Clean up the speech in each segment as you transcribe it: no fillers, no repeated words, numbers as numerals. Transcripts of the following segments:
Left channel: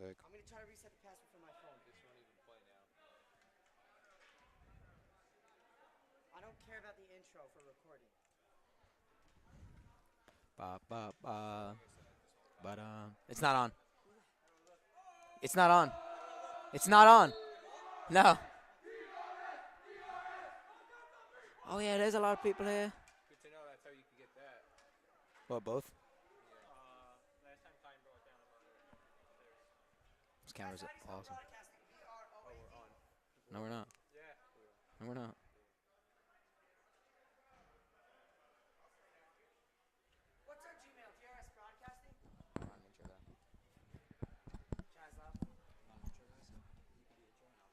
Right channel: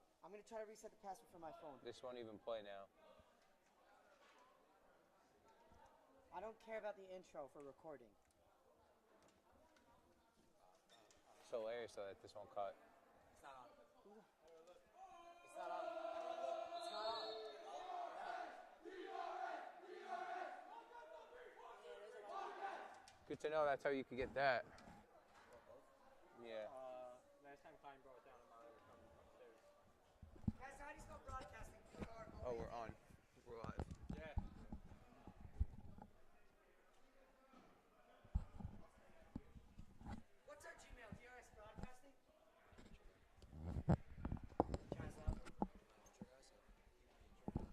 Sick. I'm going to try to reset the password from my phone. This won't even play now. I don't care about the intro for recording. So hilarious though that this won't cut. But it's not on. It's not on. It's not on. No. Oh yeah, there's a lot of people here. Good to know that's how you could get that. What, both? Yeah. This camera's awesome. Oh, we're on. No, we're not. Yeah. No, we're not. What's our Gmail? DRS Broadcasting?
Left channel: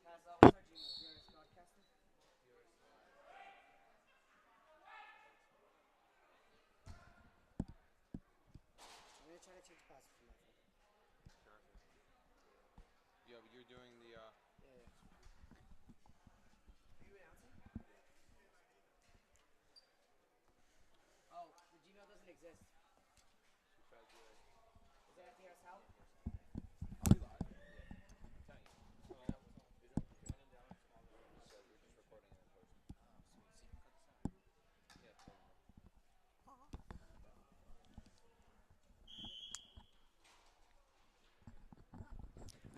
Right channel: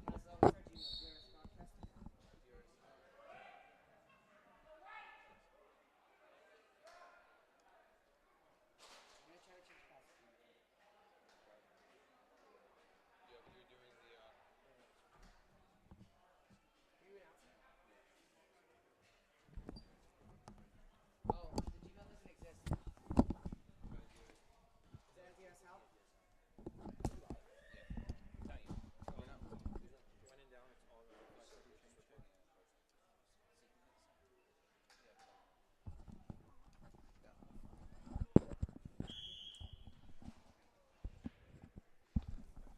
What's our Gmail? DRS Broadcasting? I'm going to try to change the password from my phone. Yeah, but you're doing the. Are you announcing? Oh, the Gmail doesn't exist. Is that DRS out?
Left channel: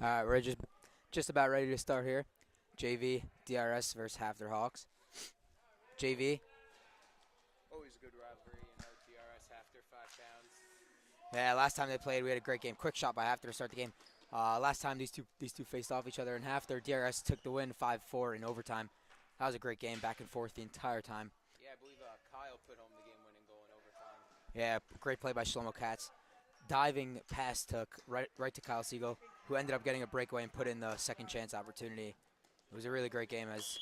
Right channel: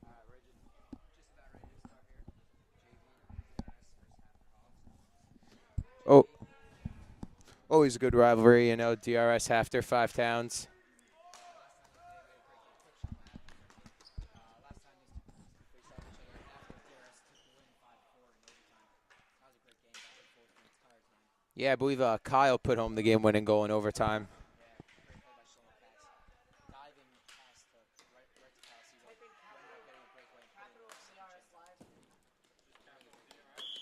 All right, we're just about ready to start here. JV DRS versus HAFTR Hawks. JV. Always a good rivalry, you know. DRS HAFTR 5 towns. Yeah, last time they played, we had a great game. Quick shot by HAFTR to start the game. Last time these two faced off each other in HAFTR, DRS took the win 5-4 in overtime. That was a great game, back and forth the entire time. Yeah, I believe Kyle put home the game-winning goal in overtime. Yeah, great play by Wildcats. Diving pass took right to Kyle Siegel, who ended up getting a breakaway and put in the second chance opportunity. It was a really great game as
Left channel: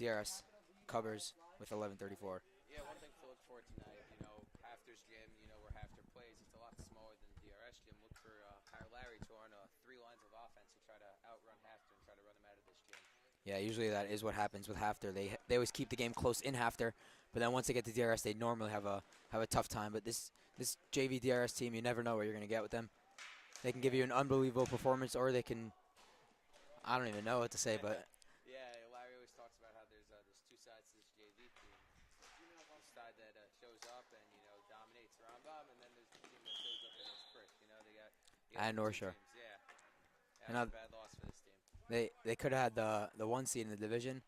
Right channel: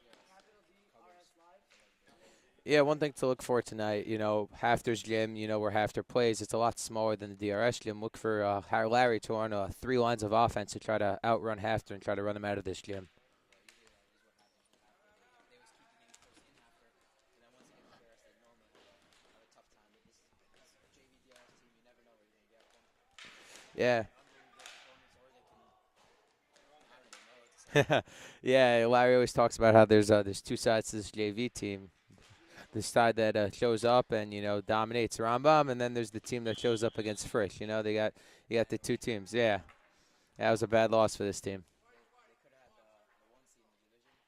DRS covers with 11:34. Yeah, one thing to look for tonight, you know, HAFTR's gym, you know, where HAFTR plays, it's a lot smaller than the DRS gym. Look for Larry to run 3 lines of offense to try to outrun HAFTR and try to run them out of this gym. Yeah, usually that is what happens with HAFTR. They always keep the game close in HAFTR, but then once they get to DRS, they normally have a tough time. But this JV DRS team, you never know what you're going to get with them. They can give you an unbelievable performance, or they can, I don't even know what to say. But yeah, Larry always talks about how there's 2 sides to this JV team. The side that shows up and, you know, dominates Rambam, and then there's the team that shows up against Frisch. You know, you got the North 2 Shore. teams. Yeah, that was a bad loss for this team. They could have had the 1 seed in the division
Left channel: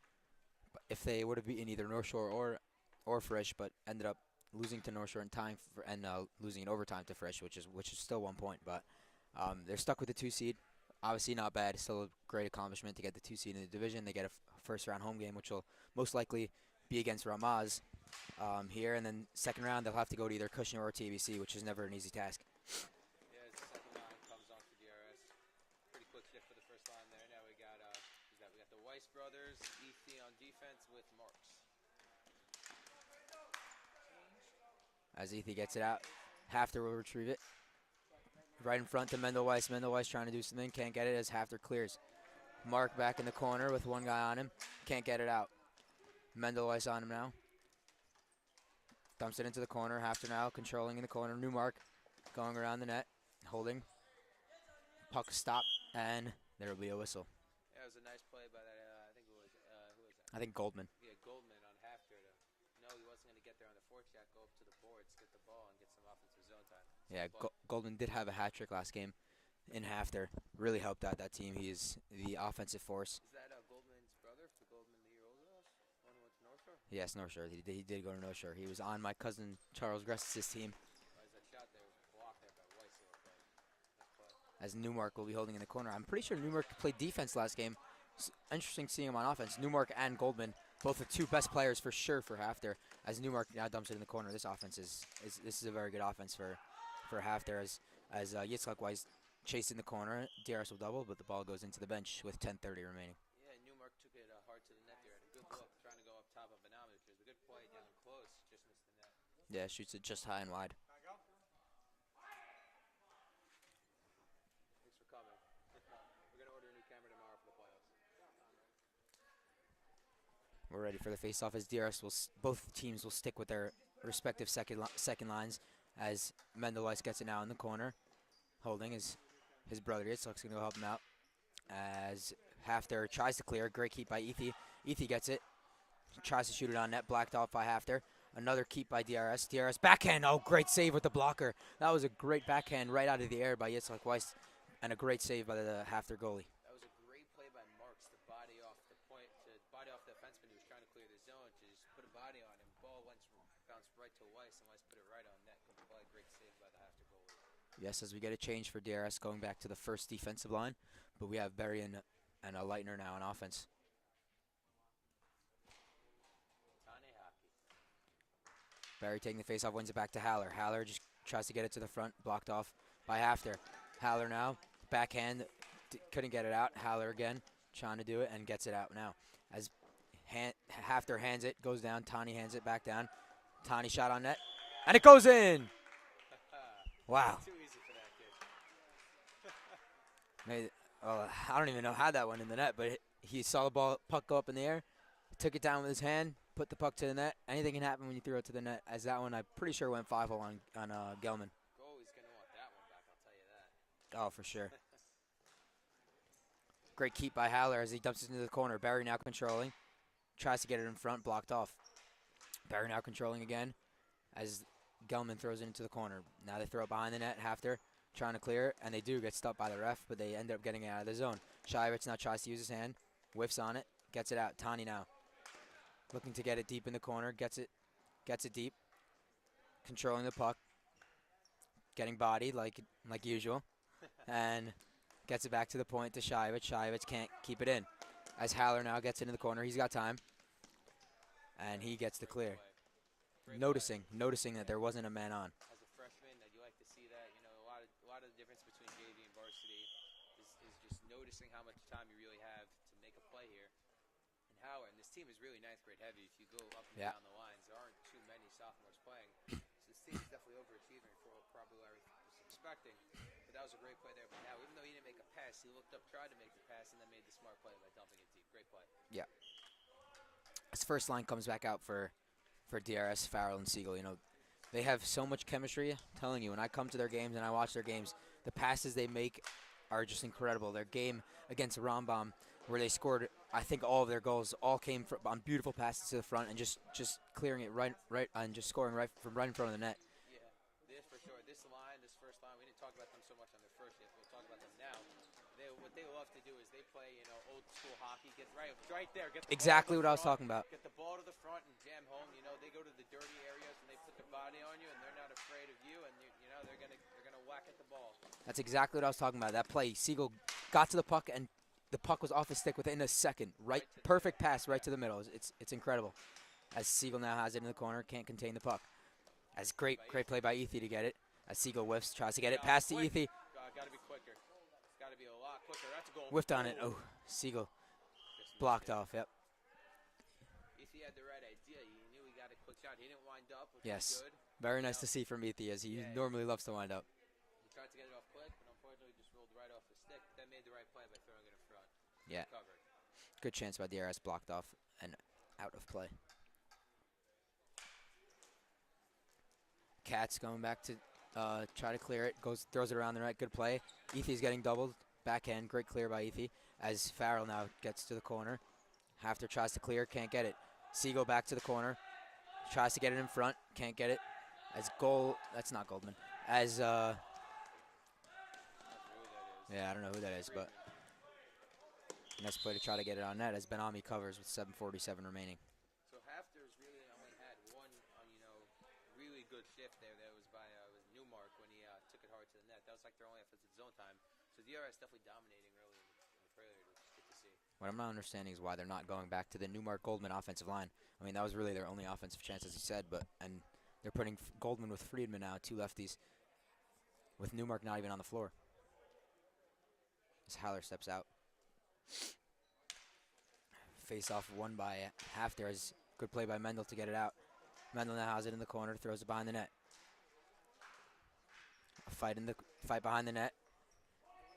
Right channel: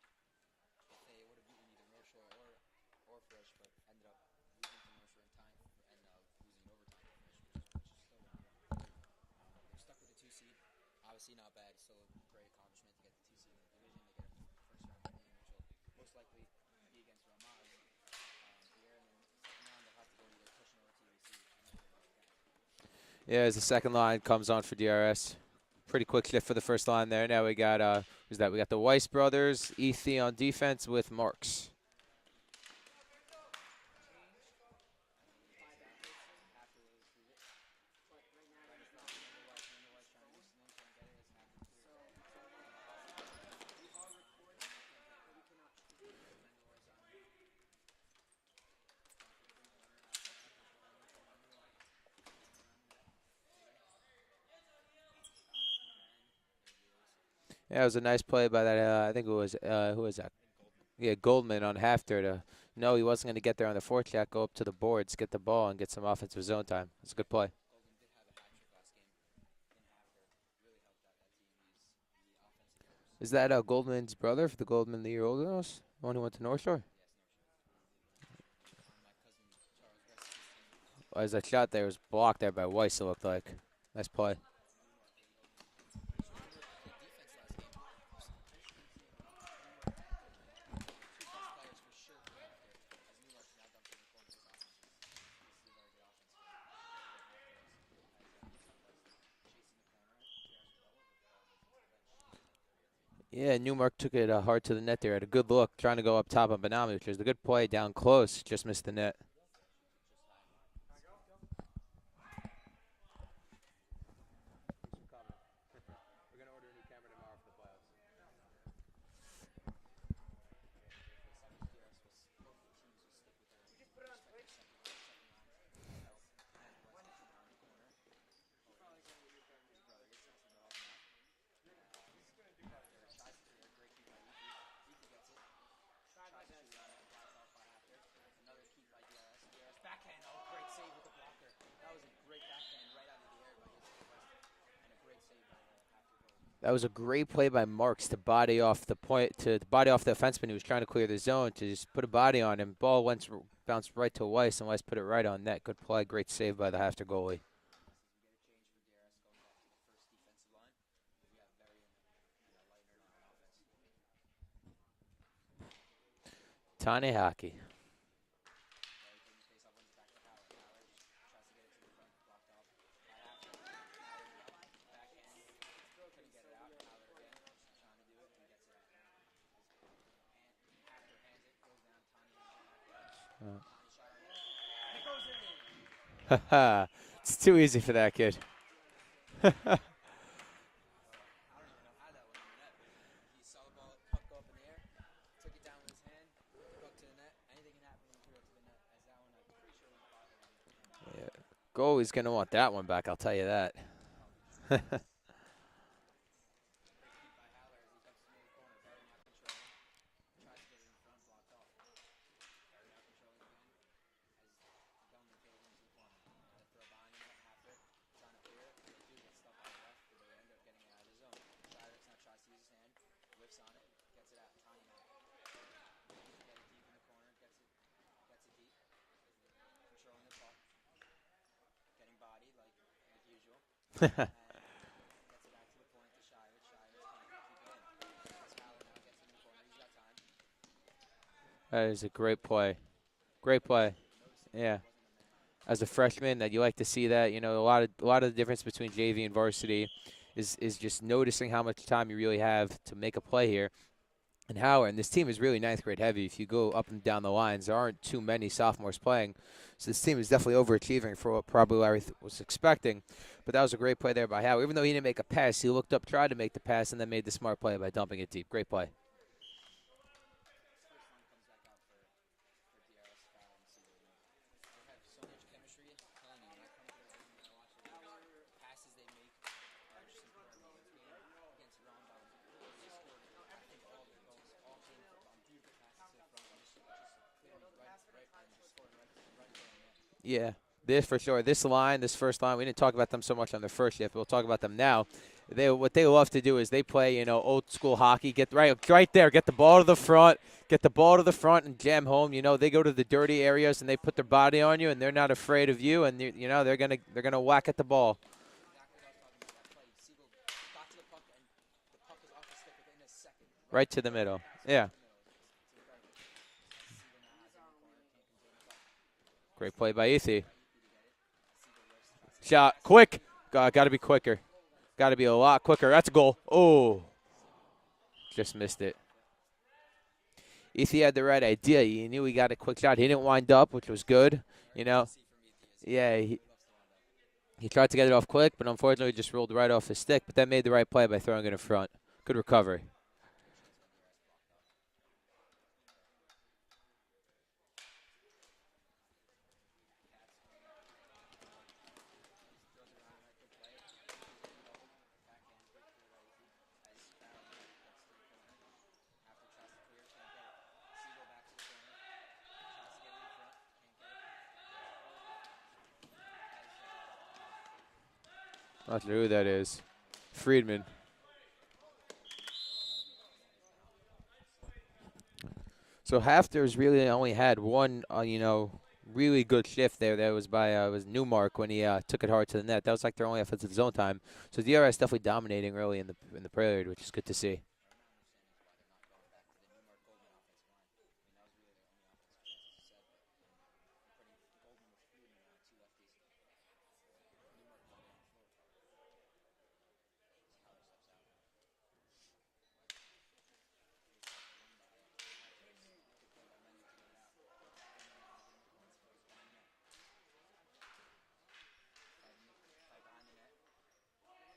if they would have beaten either North Shore or Frisch, but ended up losing to North Shore in time and losing in overtime to Frisch, which is still 1 point. But they're stuck with the 2 seed. Obviously not bad. Still a great accomplishment to get the 2 seed in the division. They get a first round home game, which will most likely be against Ramaz here, and then second round they'll have to go to either Kushner or TBC, which is never an easy task. Yeah, as the second line comes on for DRS. Pretty quick shift for the first line there. Now we got who's that? We got the Weiss brothers, Ethi on defense with Marks. As Ethi gets it out, HAFTR will retrieve it. Right in front to Mendel Weiss. Mendel Weiss trying to do something, can't get it as HAFTR clears. Mark back in the corner with 1 guy on him, can't get it out. Mendel Weiss on him now. Dumps it into the corner. HAFTR now controlling in the corner. Newmark going around the net, holding. Puck stop, and there will be a whistle. Yeah, it was a nice play by that. I think it was who was that? I think Goldman. Yeah, Goldman on HAFTR to know he wasn't going to get there on the forecheck, go up to the boards, get the ball, and get some offensive zone time. It's a good play. Goldman did have a hat trick last game in HAFTR. Really helped out that team. He is the offensive force. Is that Goldman's brother, for the Goldman the year older than us? The one who went to North Shore? Yes, North Shore. He did go to North Shore. He was on my cousin Charles Gress's team. As that shot there was blocked there by Weiss, it looked like. Nice play. As Newmark will be holding in the corner. I'm pretty sure Newmark played defense last game. It's interesting seeing him on offense. Newmark and Goldman, both the 2 best players for sure for HAFTR. As Newmark now dumps it in the corner, this offense this is a very good offense for HAFTR. As Yitzhak Weiss chased in the corner, DRS will double, but the ball goes into the bench with 10:30 remaining. Yeah, Newmark took it hard to the net there. Had a good look, trying to go up top on Benami, which was a good play down close. Just missed the net. Yeah, shoots it just high and wide. We're ready for the face-off as DRS both teams will stick with their respective second lines as Mendel Weiss gets it now in the corner. Holding is his brother Yitzhak's going to help him out. As HAFTR tries to clear. Great keep by Ethi. Ethi gets it. Tries to shoot it on net. Blacked off by HAFTR. Another keep by DRS. DRS backhand. Oh, great save with the blocker. That was a great backhand right out of the air by Yitzhak Weiss. And a great save by the HAFTR goalie. That was a great play by Marks to body off the body off the defenseman who was trying to clear the zone, to just put a body on him. Ball bounced right to Weiss, and Weiss put it right on net. Good play. Great save by the HAFTR goalie. Yes, as we get a change for DRS going back to the first defensive line. But we have Berry and a Leitner now on offense. Tane hockey. Berry taking the face-off, wins it back to Haller. Haller just tries to get it to the front, blocked off by HAFTR. Haller now, backhand, couldn't get it out. Haller again, trying to do it, and gets it out now. As HAFTR hands it, goes down, Tani hands it back down. Tani shot on net, and it goes in! Wow. It's too easy for that kid. I don't even know how that went in the net, but he saw the puck go up in the air, took it down with his hand, put the puck to the net. Anything can happen when you throw it to the net. As that one, I'm pretty sure went 5-0 on Gelman. Goalie's going to want that one back, I'll tell you that. Oh, for sure. Great keep by Haller as he dumps it into the corner. Barry now controlling. Tries to get it in front, blocked off. Barry now controlling again as Gelman throws it into the corner. Now they throw it behind the net. HAFTR trying to clear it, and they do get stopped by the ref, but they end up getting it out of the zone. Shivitz now tries to use his hand, whiffs on it, gets it out. Tani now looking to get it deep in the corner, gets it deep, controlling the puck, getting bodied like usual, and gets it back to the point to Shivitz. Shivitz can't keep it in. As Haller now gets it in the corner, he's got time. And That he is a gets the great clear. play. Great play. Noticing that Yeah. there wasn't a man on. As a freshman, that you like to see that. You know, a lot of the difference between JV and varsity is just noticing how much time you really have to make a play here. And Howard, and this team is really ninth grade heavy. If you go up and down the lines, there aren't too many sophomores playing. So this team is definitely overachieving for what probably Larry was expecting. But that was a great play there by Howard. Even though he didn't make a pass, he looked up, tried to make the pass, and then made the smart play by dumping it deep. Great play. Yeah. His first line comes back out for DRS, Farrell, and Siegel. You know, they have so much chemistry. I'm telling you, when I come to their games and I watch their games, the passes they make are just incredible. Their game against Rambam, where they scored, I think all of their goals all came on beautiful passes to the front and just clearing it right and just scoring right in front of the net. Yeah, this for sure. This first line, we didn't talk about them so much on their first shift. We'll talk about them now. What they love to do is they play, you know, old school hockey. Get right there, get the ball to the front, get the ball to the front and jam home. You know, they go to the dirty areas and they put their body on you, and they're not afraid of you. And you know, they're gonna whack at the ball. That's exactly what I was talking about. That play, Siegel got to the puck and the puck was off his stick within a second. Right to the middle. Perfect pass right to the middle. It's incredible. As Siegel now has it in the corner, can't contain the puck. Great play by Ethi. Great play by Ethi to get it. As Siegel whiffs, tries to get Shot it past quick. Ethi. Got to be quicker. Got to be a lot quicker. That's a goal. Oh, Siegel just missed blocked it. off. Yep. Ethi had the right idea. He knew he got a quick shot. He didn't wind up, which was good. Very you nice know. to see from Ethi, as he Yeah, normally loves to wind up. He tried to get it off quick, but unfortunately just rolled right off his stick. But that made the right play by throwing it in front. Good recovery. Good chance by DRS, blocked off and out of play. Cats going back to try to clear it. Throws it around the net. Good play. Ethy's getting doubled. Backhand. Great clear by Ethi. As Farrell now gets to the corner. HAFTR tries to clear. Can't get it. Siegel back to the corner. Tries to get it in front. Can't get it. As goal. That's not Goldman. As Not sure who that is. yeah, I don't know who that is. Friedman. Nice play to try to get it on net as Benami covers with 7:47 remaining. So HAFTR's really only had one, you know, really good shift there. That was by was Newmark when he took it hard to the net. That was like their only offensive zone time. So DRS definitely dominating early in the period, which is good to see. What I'm not understanding is why they're not going back to the Newmark Goldman offensive line. I mean, that was really their only offensive chance, as you said, and they're putting Goldman with Friedman now, two lefties, with Newmark not even on the floor. As Haller steps out. Face off won by HAFTR. As good play by Mendel to get it out. Mendel now has it in the corner, throws it behind the net. A fight behind the net.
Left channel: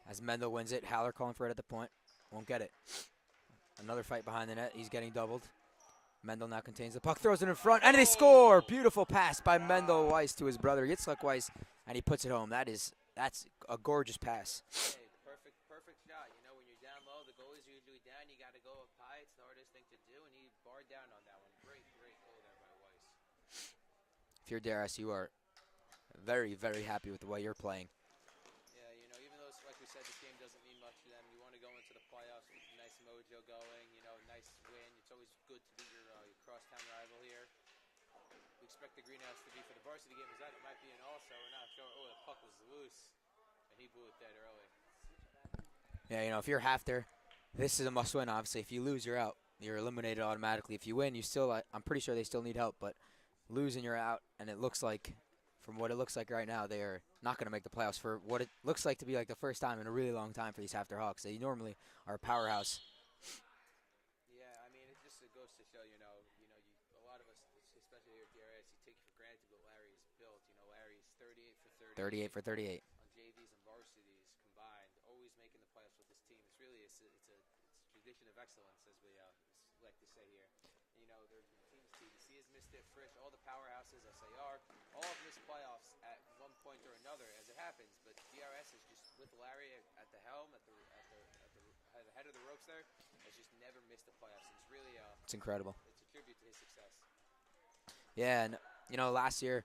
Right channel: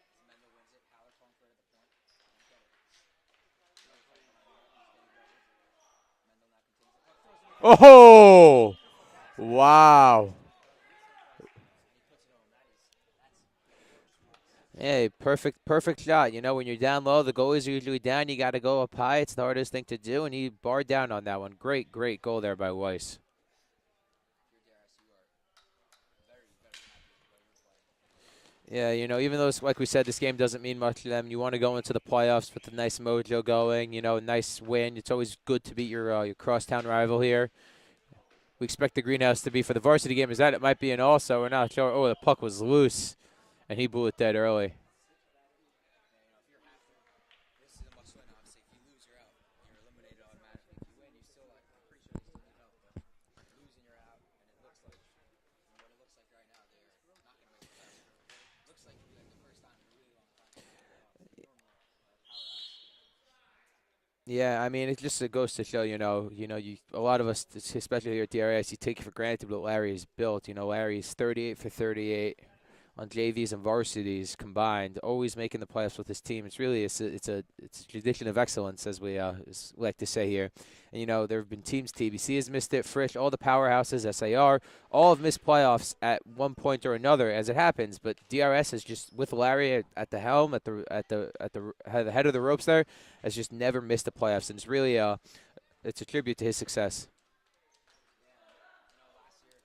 As Mendel wins it, Haller calling for it at the point, won't get it. Another fight behind the net. He's getting doubled. Mendel now contains the puck, throws it in front. Oh! And they score! Beautiful pass by Mendel Weiss to his brother Yitzhak Weiss, and he puts it home. That is That's a gorgeous pass. Hey, perfect shot. You know, when you're down low, the goalies are usually down. You got to go up high. It's the hardest thing to do, and he barred down on that one. Great goal there by Weiss. If you're DRS, you are very, very happy with the way you're playing. Yeah, you know, even though, like we said, this game doesn't mean much to them, you want to go into the playoffs with a nice mojo going, you know, nice win. It's always good to beat your crosstown rival here. We expect the greenhouse to be for the varsity game. Is that it might be an also? We're not sure. Oh, the puck was loose, and he blew it dead early. Yeah, you know, if you're HAFTR, this is a must-win. Obviously, if you lose, you're out. You're eliminated automatically. If you win, you still. I'm pretty sure they still need help, but lose and you're out. And it looks like, from what it looks like right now, they are not going to make the playoffs for what it looks like to be like the first time in a really long time for these HAFTR Hawks. They normally are a powerhouse. Yeah, I mean, it just goes to show, a lot of us, especially here at DRS, you take for granted what Larry has built. You know, Larry's 38 for 38 on JVs and varsities combined, always making the playoffs with his team. It's really it's a tradition of excellence, as we like to say here. And you know, there have been teams. TBC has missed it. Frisch, all the powerhouses, SAR, all have missed playoffs at one point or another, as it happens. But DRS is just with Larry at the helm, at the head of the ropes there, has just never missed the playoffs, and it's really it's incredible. It's a tribute to his success. Yeah, and you know, last year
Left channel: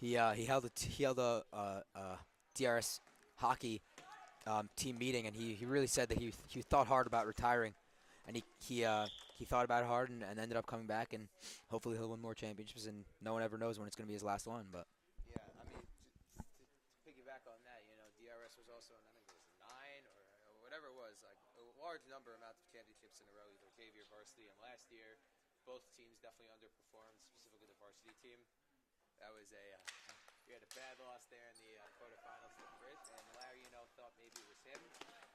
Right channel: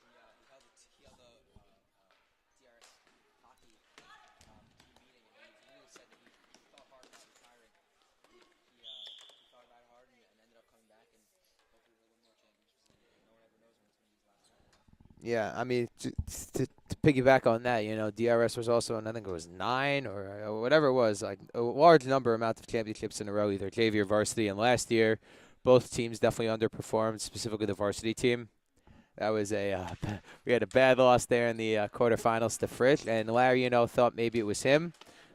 he held a DRS hockey team meeting, and he really said that he thought hard about retiring, and he thought about it hard and ended up coming back, and hopefully he'll win more championships, and no one ever knows when it's going to be his last one. But yeah, I mean, to piggyback on that, you know, DRS was also in, I think it was 9 or whatever it was, like a large amount of championships in a row, either JV or varsity. And last year, both teams definitely underperformed, specifically the varsity team. That was we had a bad loss there in the quarterfinals to Frisch, and Larry, you know, thought maybe it was him,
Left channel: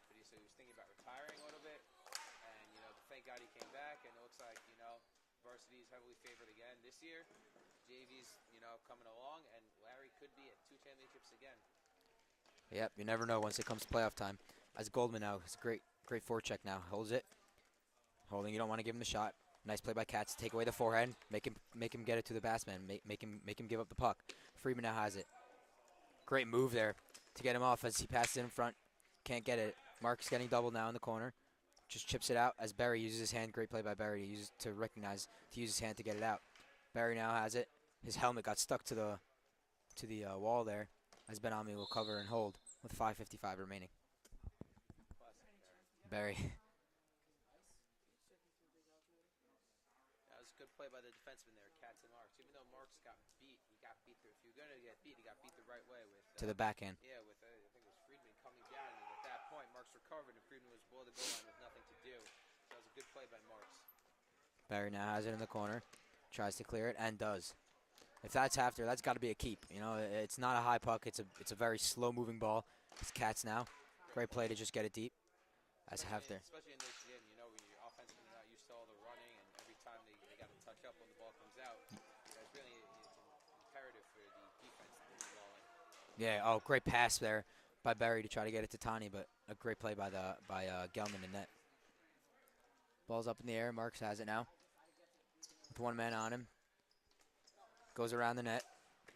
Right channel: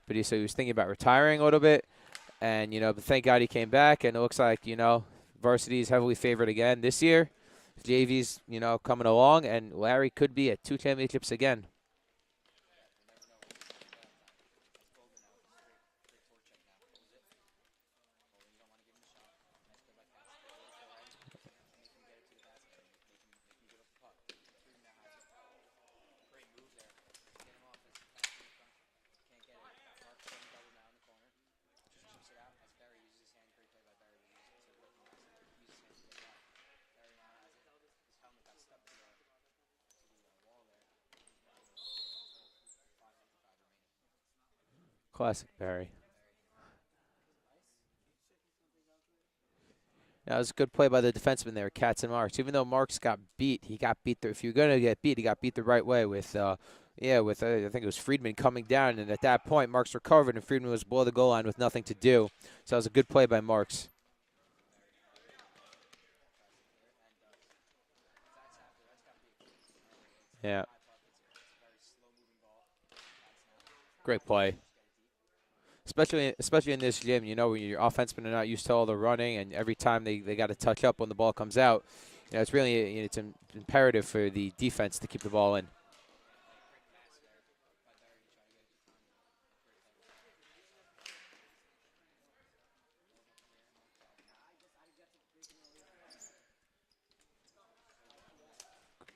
but he was thinking about retiring a little bit. And, you know, but thank God he came back, and it looks like, you know, varsity is heavily favored again this year. JV's, you know, coming along, and Larry could be at 2 championships again. Yep, you never know once it comes to playoff time. As Goldman now, it's a great forecheck now. Holds it. Holding, you don't want to give him the shot. Nice play by Katz. Take away the forehand. Make him get it to the batsman. Make him give up the puck. Freeman now has it. Great move there to get him off as he passes it in front. Can't get it. Mark's getting doubled now in the corner. Just chips it out as Barry uses his hand. Great play by Barry to use his hand to get it out. Barry now has it. His helmet got stuck to the wall there, as Ben-Ami will cover and hold with 5:55 remaining. Classic Barry. Barry. Yeah, it was a good play by the defenseman there, Katz and Marks. Even though Marks got beat, he got beat. If you're gonna get beat, he got beat the right way with the backhand. Yeah, with I think it was Friedman coming down, and at that point, Marks recovered, and Friedman was below the goal line with nothing to do. So it was a good play by Marks. Barry now has it in the corner, tries to clear it, and does. If that's HAFTR, that's got to be a keep. You know, it's not a high puck. It's a very slow-moving ball. It's Katz now. Great play. To just get it deep. Especially in this gym, you know, when your offensemen are not used to all the running, and every time they got to touch up when the ball comes out, you know, it's really it's imperative for the defense to keep the ball in. Yeah. Oh, great pass there by Barry to try to get it to Tani, but a great play by Gelman in net. Ball's up in the air. Marks has it now with one man on him. Goes around the net.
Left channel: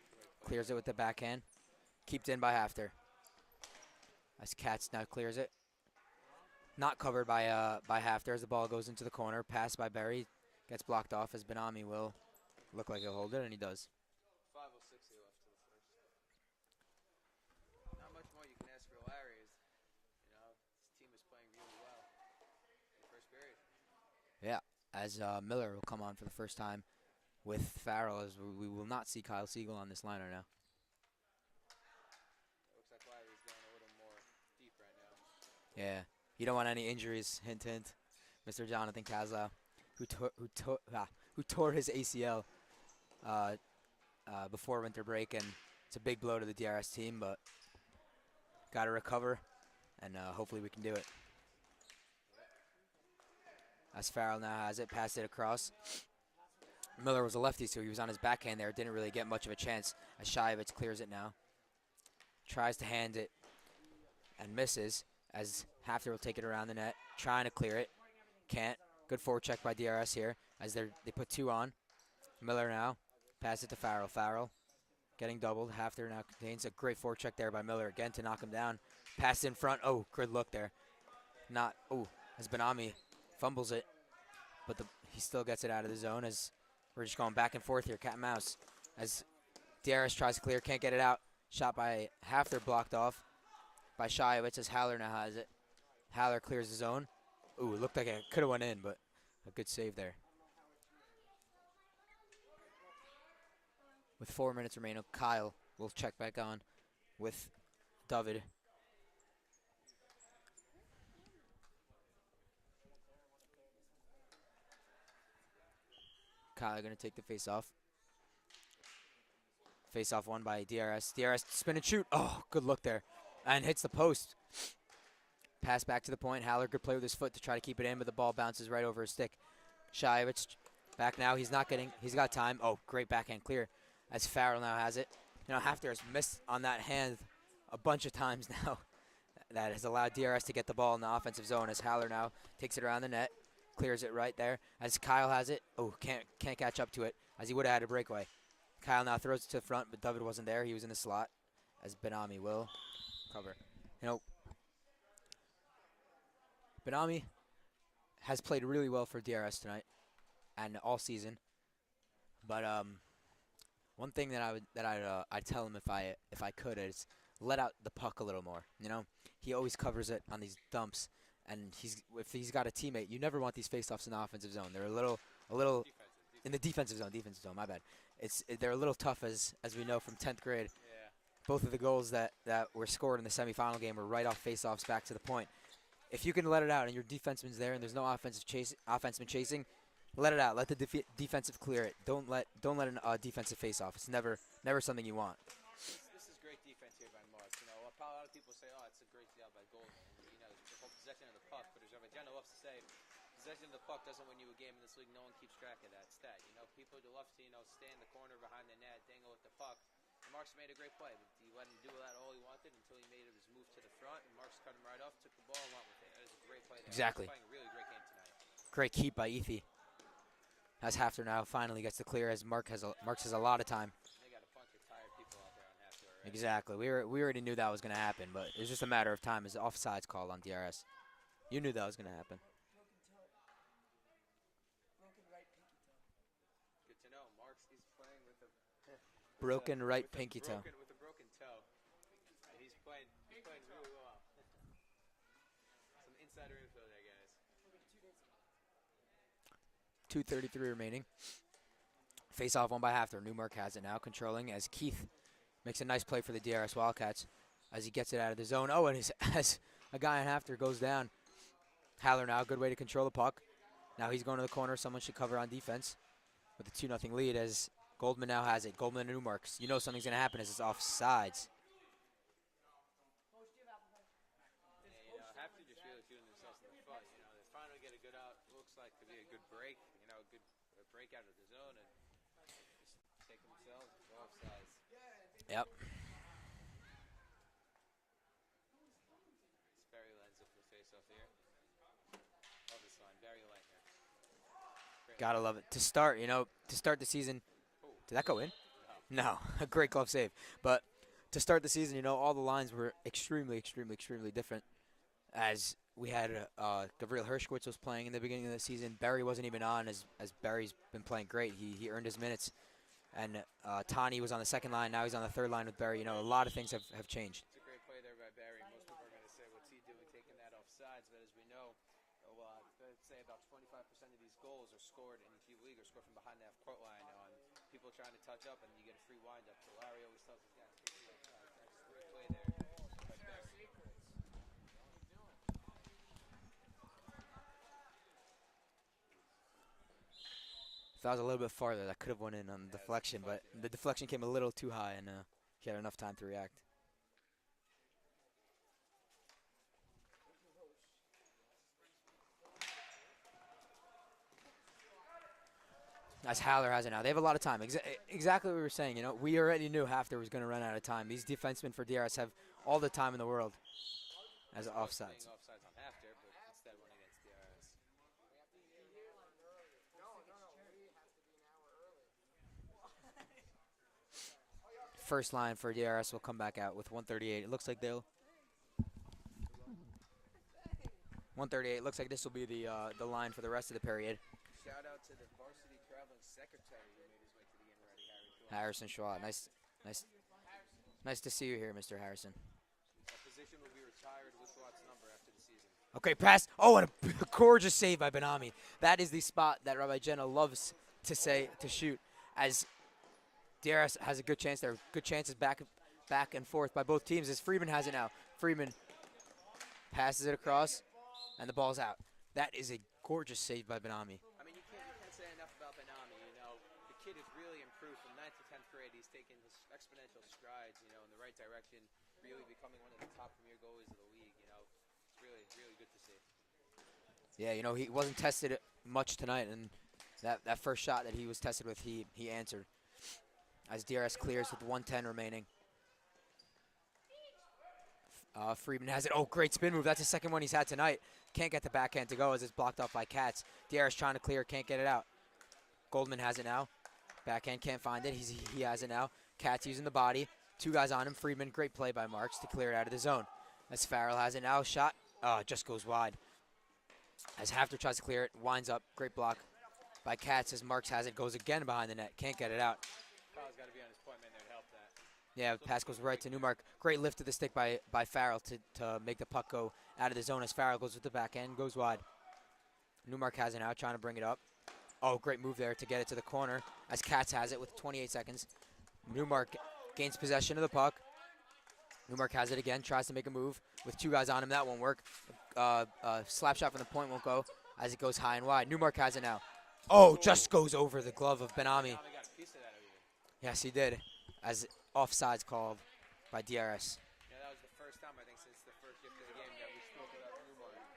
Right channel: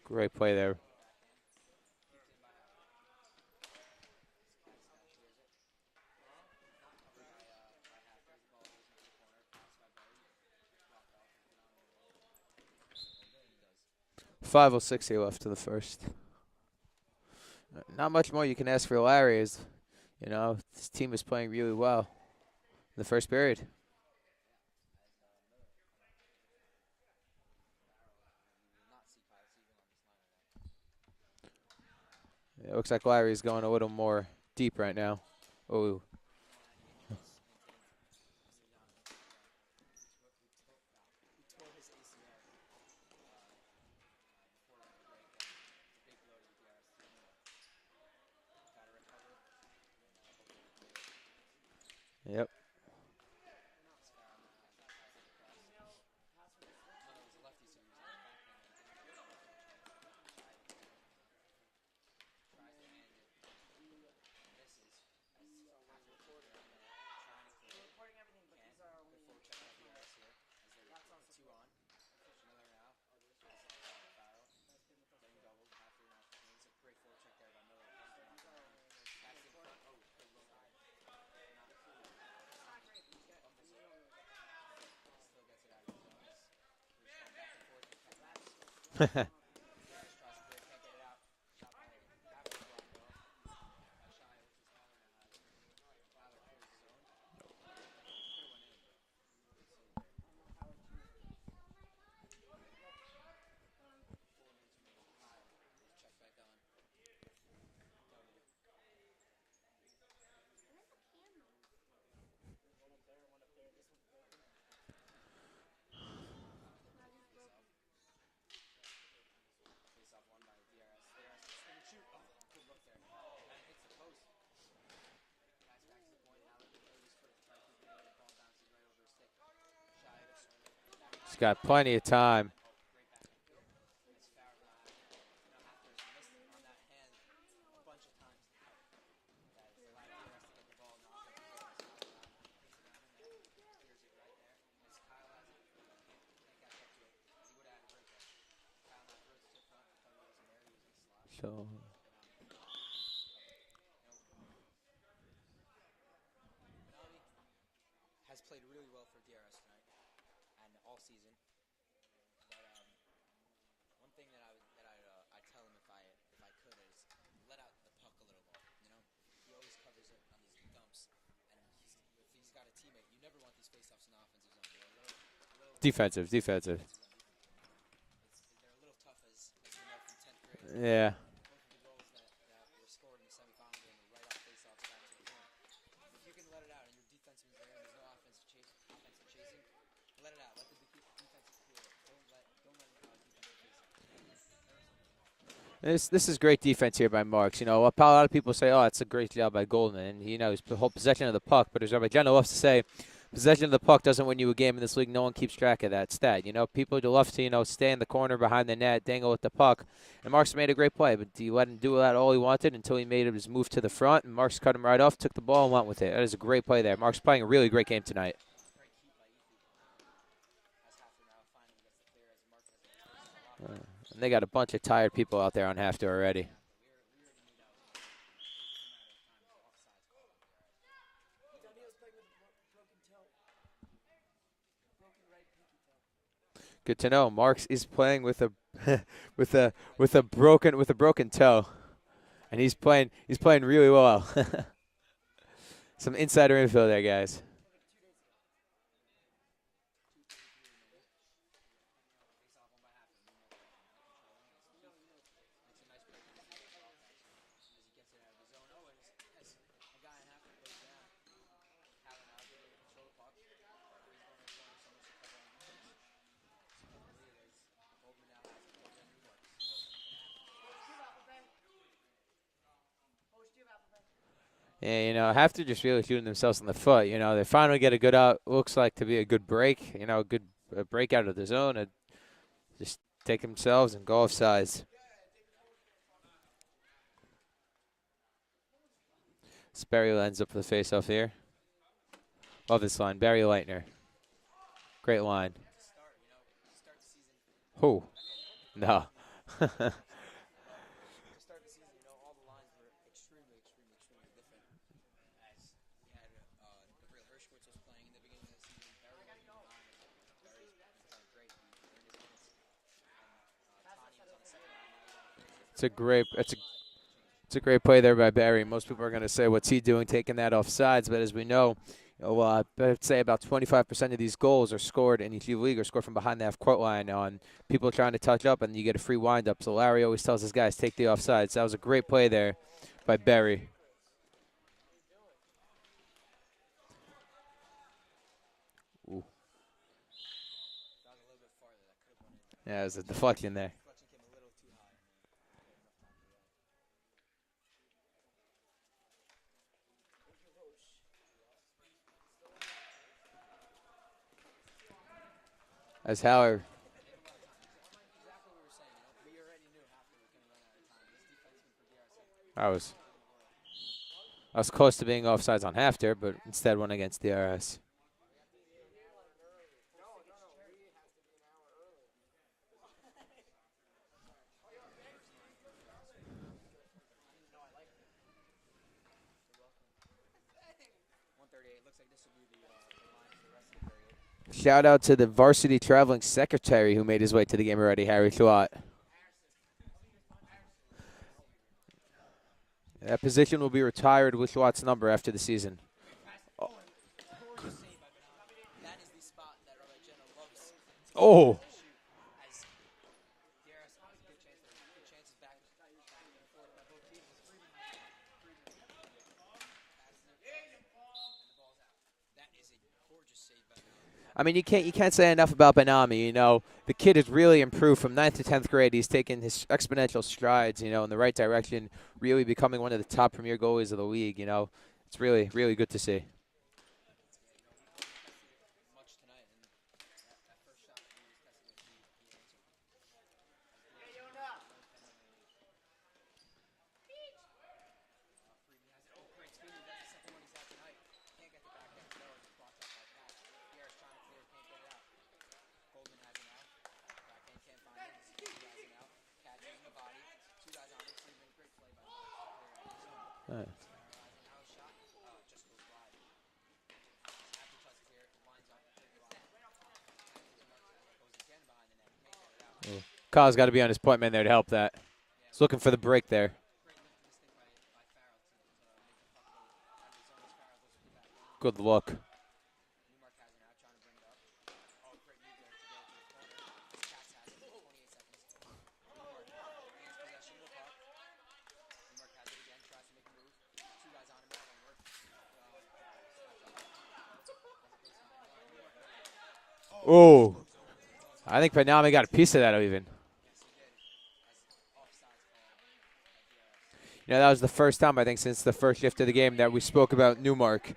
Great play clears there. It with the backhand. Kept in by HAFTR. As Katz now clears it. Not covered by HAFTR as the ball goes into the corner. Pass by Barry. Gets blocked off as Ben-Ami will look like he'll hold it, and he does. 5:06 here left to the first. Not much more you can ask for Larry. Is, you know, this team is playing really well in the first period. Yeah, as Miller will come on for the first time with Farrell, as we will not see Kyle Siegel on this liner now. It looks like Larry's going a little more deep right now. Oh. Yeah, you don't want any injuries. Hint, hint. Mr. Jonathan Kazla, who tore his ACL before winter break, and it's a big blow to the DRS team, but got to recover, and hopefully we can do it. Yep. As Farrell now has it, passed it across. Miller was a lefty, so he was on his backhand there. Didn't really get much of a chance. As Shayevitz clears it now. Tries to hand it and misses, as HAFTR will take it around the net. Trying to clear it. Can't. Good forecheck by DRS here, as they put 2 on. Miller now. Pass it to Farrell. Farrell getting doubled. HAFTR now contains a great forecheck there by Miller again to knock him down. Pass in front. Oh, good look there. Not. Oh, as Benami fumbles it, but he still gets it out of the zone as we're just going back and forth here, cat and mouse. DRS tries to clear, can't get it out. Shot by HAFTR, blocked off by Shiowitz as Haller now has it. Haller clears the zone. Ooh, it looked like it could have went in, but a good save there. With 4 minutes remaining, Kyle will check back on with David. Kyle going to take the face-off. Face-off won by DRS. DRS spin and shoot. Oh, good look there. And hits the post. Pass back to the point. Haller, good play with his foot to try to keep it in, but the ball bounces right over his stick. Shiowitz back now. He's got plenty of time. Oh, great backhand clear as Farrell now has it. You know, HAFTR has missed on that hand a bunch of times now. That has allowed DRS to get the ball in the offensive zone as Haller now takes it around the net. Clears it right there as Kyle has it. Oh, can't catch up to it as he would have had a breakaway. Kyle now throws it to the front, but David wasn't there. He was in the slot as Benami will cover. You know, Benami has played really well for DRS tonight and all season. But one thing that I'd tell him if I could is let out the puck a little more. You know, he always covers it on these dumps. And if he's got a teammate, you never want these faceoffs in the offensive zone. They're a little defensive defensive zone. My bad. They're a little tough as we know from 10th grade. Yeah. Both of the goals that were scored in the semifinal game were right off faceoffs back to the point. If you can let it out and your defenseman's there and there's no offenseman chasing, let it out. Let the defensive clear it. Don't let a defensive faceoff. It's never something you want. This is great defense here by Marks. You know, a lot of people say, oh, it's a great job by Goldman. And, you know, his whole possession of the puck. But as Rabbi loves to say, possession of the puck doesn't win you a game in this league. No one keeps track of that stat. You know, people love to, you know, stay in the corner behind the net, dangle with the puck. And Marks made a great play. But do you let him do that all he wanted until he made his move to the front? And Marks cut him right off, took the ball, and went with it. That is a great play there. Exactly. Marks playing a really great game tonight. Great keep by Ethi. As HAFTR now finally gets to clear as Marks has a lot of time. And they got a bunch of tired people out there on HAFTR already. Exactly. We already knew that was going to happen, but it was just a matter of time as offsides called on DRS. You knew that was going to happen. Good to know. Marks is playing with a Broken with a broken toe, and he's playing really well. Some insider info there, guys. 2:33 remaining. Face off won by HAFTR. Newmark has it now, controlling as Keith makes a nice play for the DRS Wildcats as he gets it out of the zone. Oh, and as a guy on HAFTR goes down. Haller now, good way to control the puck. Now he's going to the corner. Someone should cover on defense with a 2-0 lead as Goldman now has it. Goldman and Newmarks. You know something's going to happen as it's offsides. Yeah, you know, HAFTR just really shooting themselves in the foot. You know, they finally get a good looks like to be a good break. You know, a good break out of the zone and just take themselves and go offsides. Yep. Barry lines up for the face-off here. Love this line, Barry Leitner. Great Gotta line. love it. To start the season. Who? Did that go in? No. No. Great glove save. But to start the season, you know, all the lines were extremely different. As we had Gavril Hershkowitz was playing in the beginning of the season. Barry wasn't even on as Barry's been playing great. He earned his minutes. And Tani was on the second line. Now he's on the third line with Barry. A lot of things have changed. It's a great play there by Barry. Most people are going to say, what's he doing taking that offsides? But as we know, I'd say about 25% of these goals are scored in each league are scored from behind the half-court line on people trying to touch up, and you get a free wind-up. So Larry always tells his guys, take the offsides. That was a great play there by Barry. Ooh. If that was a little bit farther, that could have went in on the yeah, deflection. it was a deflection there. The deflection came a little too high, and he had enough time to react. As Haller has it now. They have a lot of time. Exactly what we were saying. You know, we already knew HAFTR was going to run out of time. These defensemen for DRS have all the time in the world. I was close to being offsides on HAFTR, but instead went against DRS. first line for DRS will come back out with 138. It looks like they'll 138. Looks like this will be the line for the rest of the period. Shout out to the varsity traveling secretary who made his way to the game already, Harry Schwat. Harrison Schwat. Nice to see you here, Mr. Harrison. That position will be retired with Schwat's number after the season. Okay, pass. Oh, and a gorgeous save by Benami. That is the spot that Rabbi Jenna loves to say, to shoot. As DRS has a good chance there. Good chances back and forth by both teams as Freeman has it now. Freeman passes it across, and the ball's out. That is a gorgeous save by Benami. I mean, you can't say enough about Benami. You know, the kid has really improved from 9th to 10th grade. He's taken his exponential strides, you know, in the right direction, really becoming one of the top premier goalies of the league. You know, it's really, really good to see. Yeah, you know, he wasn't tested much tonight, and that first shot that he was tested with, he answered. As DRS clears with 1:10 remaining. Freeman has it. Oh, great spin move. That's the second one he's had tonight. Can't get the backhand to go as it's blocked off by Katz. DRS trying to clear, can't get it out. Goldman has it now. Backhand can't find it. He has it now. Katz using the body. Two guys on him. Freeman, great play by Marks to clear it out of the zone. Right. As Farrell has it now. Shot. Just goes wide. As HAFTR tries to clear it, winds up. Great block by Katz as Marks has it. Goes again behind the net. Can't get it out. Yeah. Kyle's got to be on his point man there to help that. Yeah, he's looking for the break there. Great lift to the stick by Farrell to make the puck go out of the zone as Farrell goes with the backhand. Good look. Newmark has it now, trying to bring it up. Oh, great move there to get it to the corner as Katz has it with 28 seconds. Newmark gains possession of the puck. Newmark has it again, tries to make a move with two guys on him. That won't work. Slap shot from the point won't go as it goes high and wide. Newmark has it now. Oh, just goes over the glove of I think Benami got a piece of that even. Yes, he did. As offsides called by DRS. You know, that was the first time, I think, since the first shift of the game that we spoke about Newmark.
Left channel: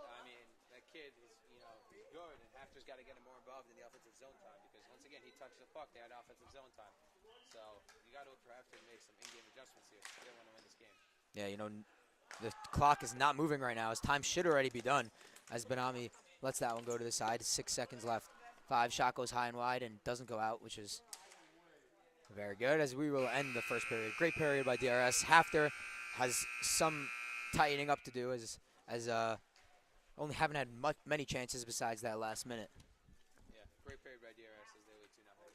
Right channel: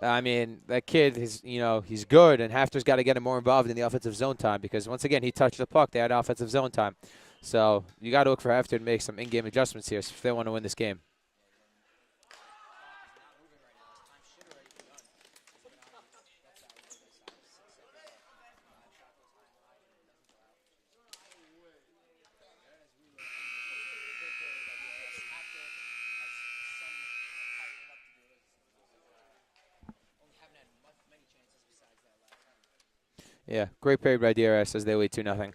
I mean, that kid, he's good, and HAFTR's got to get him more involved in the offensive zone time because, once again, he touched the puck. They had offensive zone time. So you got to look for HAFTR to make some in-game adjustments here if they want to win this game. Yeah, you know, the clock is not moving right now. His time should already be done as Benami lets that one go to the side. 6 seconds left. 5 shot goes high and wide and doesn't go out, which is very good as we will end the first period. Great period by DRS. HAFTR has some tightening up to do as only haven't had many chances besides that last minute. Yeah, great period by DRS as they lead 2-0.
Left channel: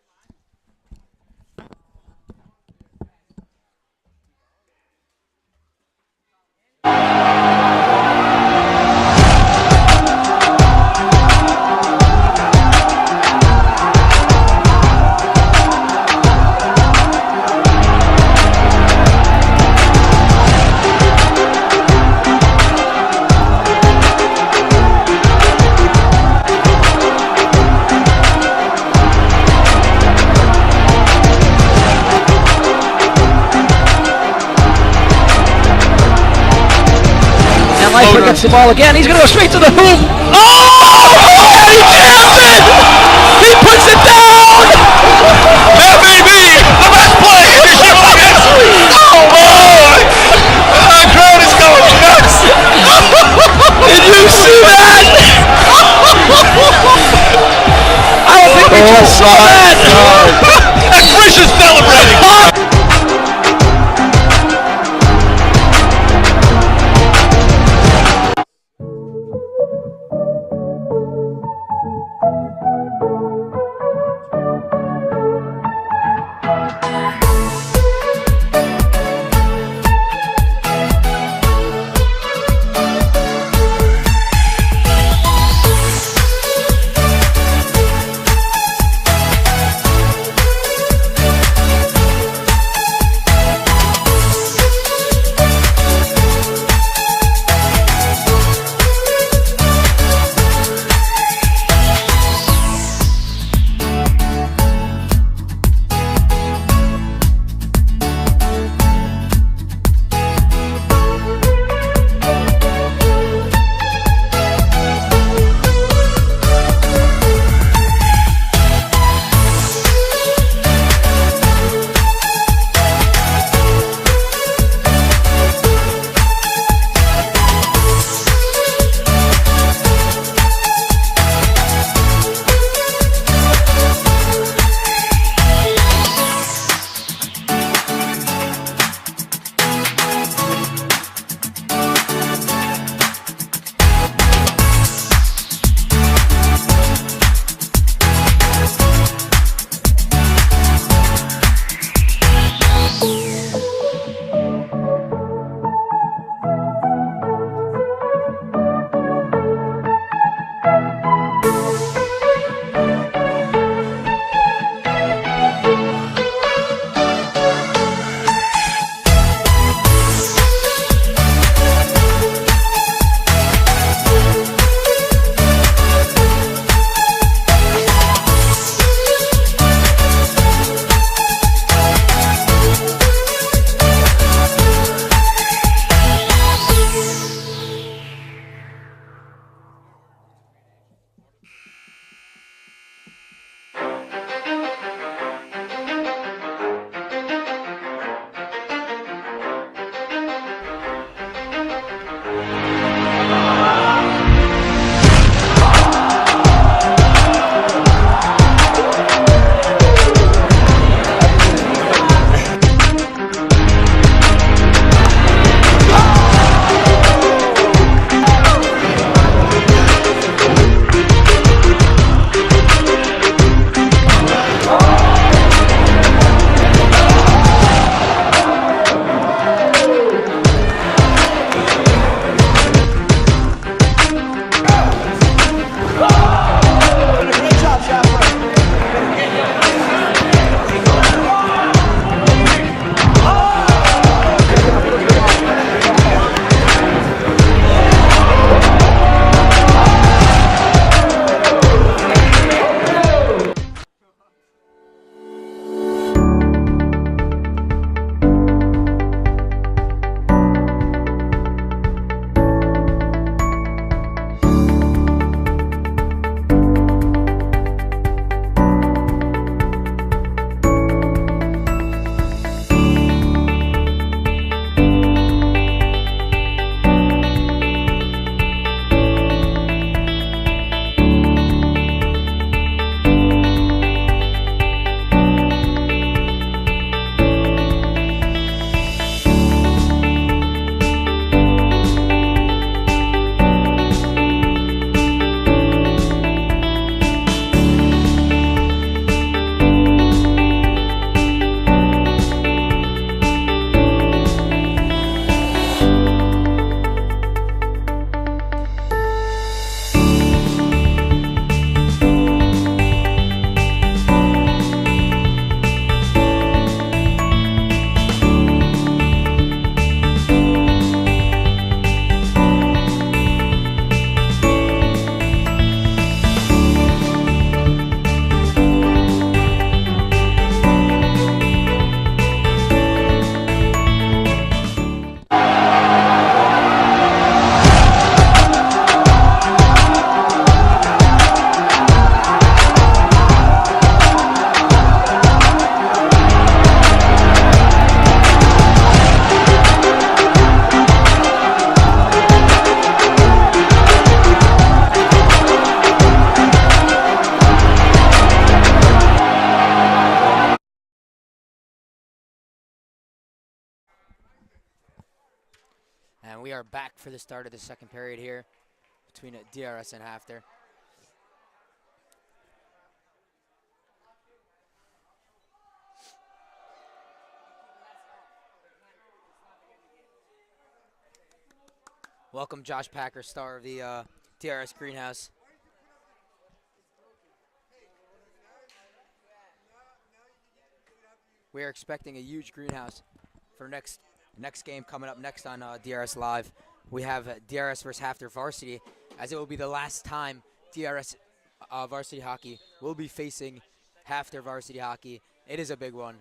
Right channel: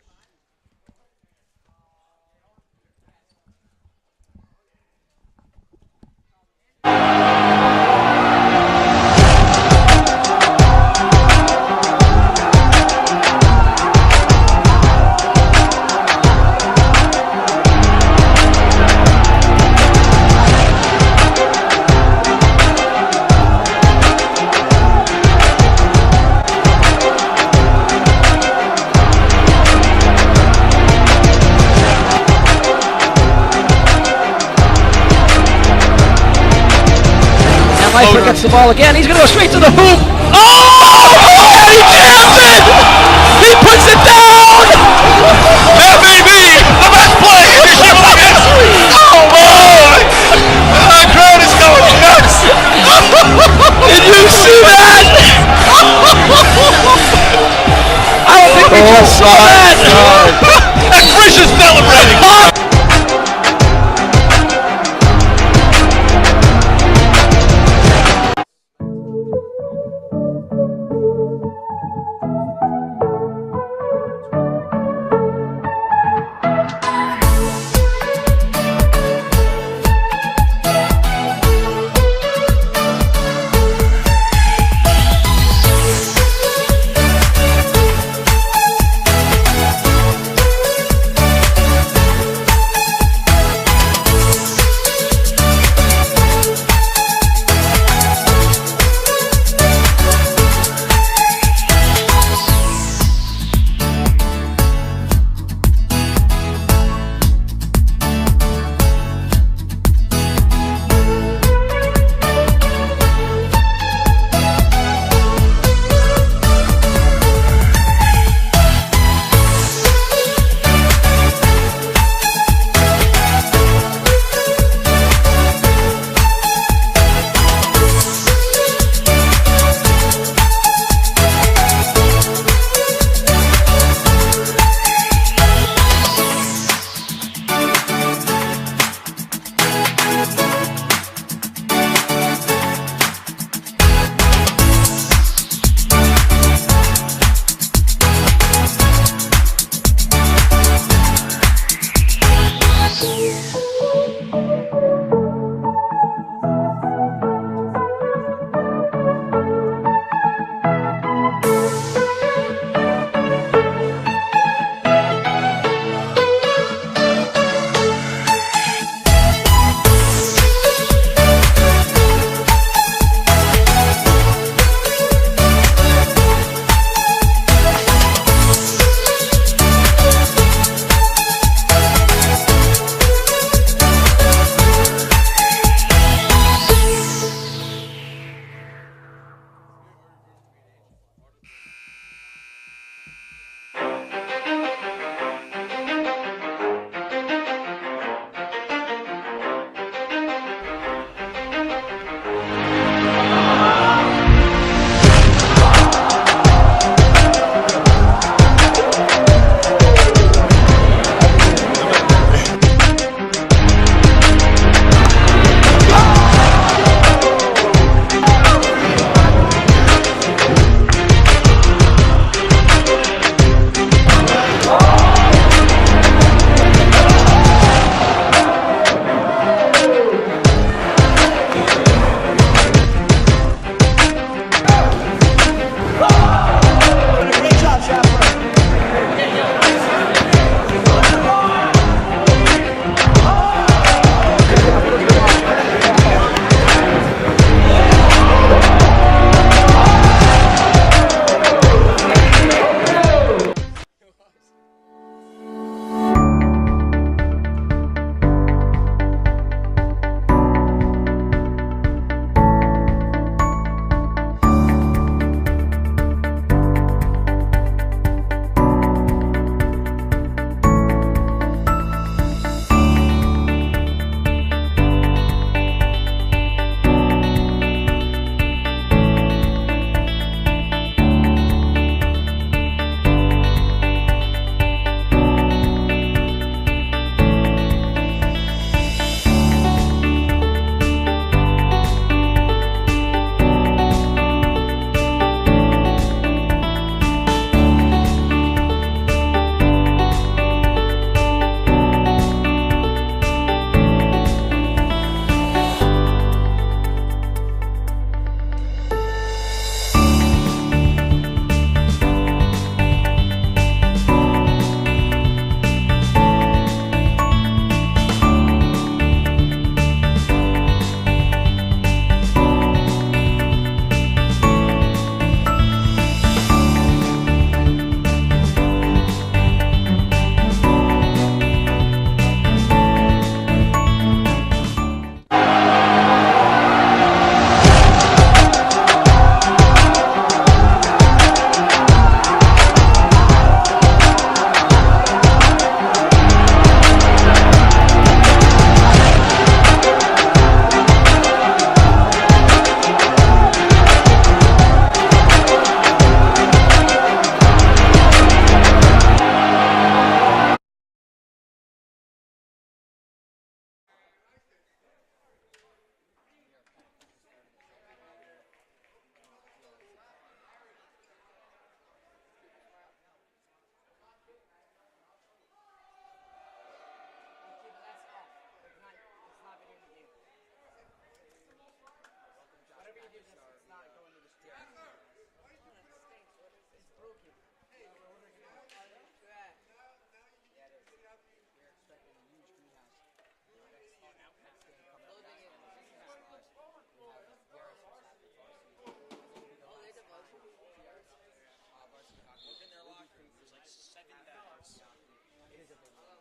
Leifer gets the ball again. He's going to go straight to the hoop. Oh! He jams it! He puts it down! That may be the best play in Chicago history! Oh, boy! The crowd is going nuts! Did you see that? I don't think we just saw that! And Frisch is celebrating! And we are back for the start of the second period here between DRS and HAFTR. Welcome Josh Packer, star of the DRS greenhouse. We are expecting a huge greenhouse for next game coming up next on DRS Live. We have DRS versus HAFTR varsity, as it will be the last time DRS varsity hockey will be facing HAFTR varsity hockey. It is a big one,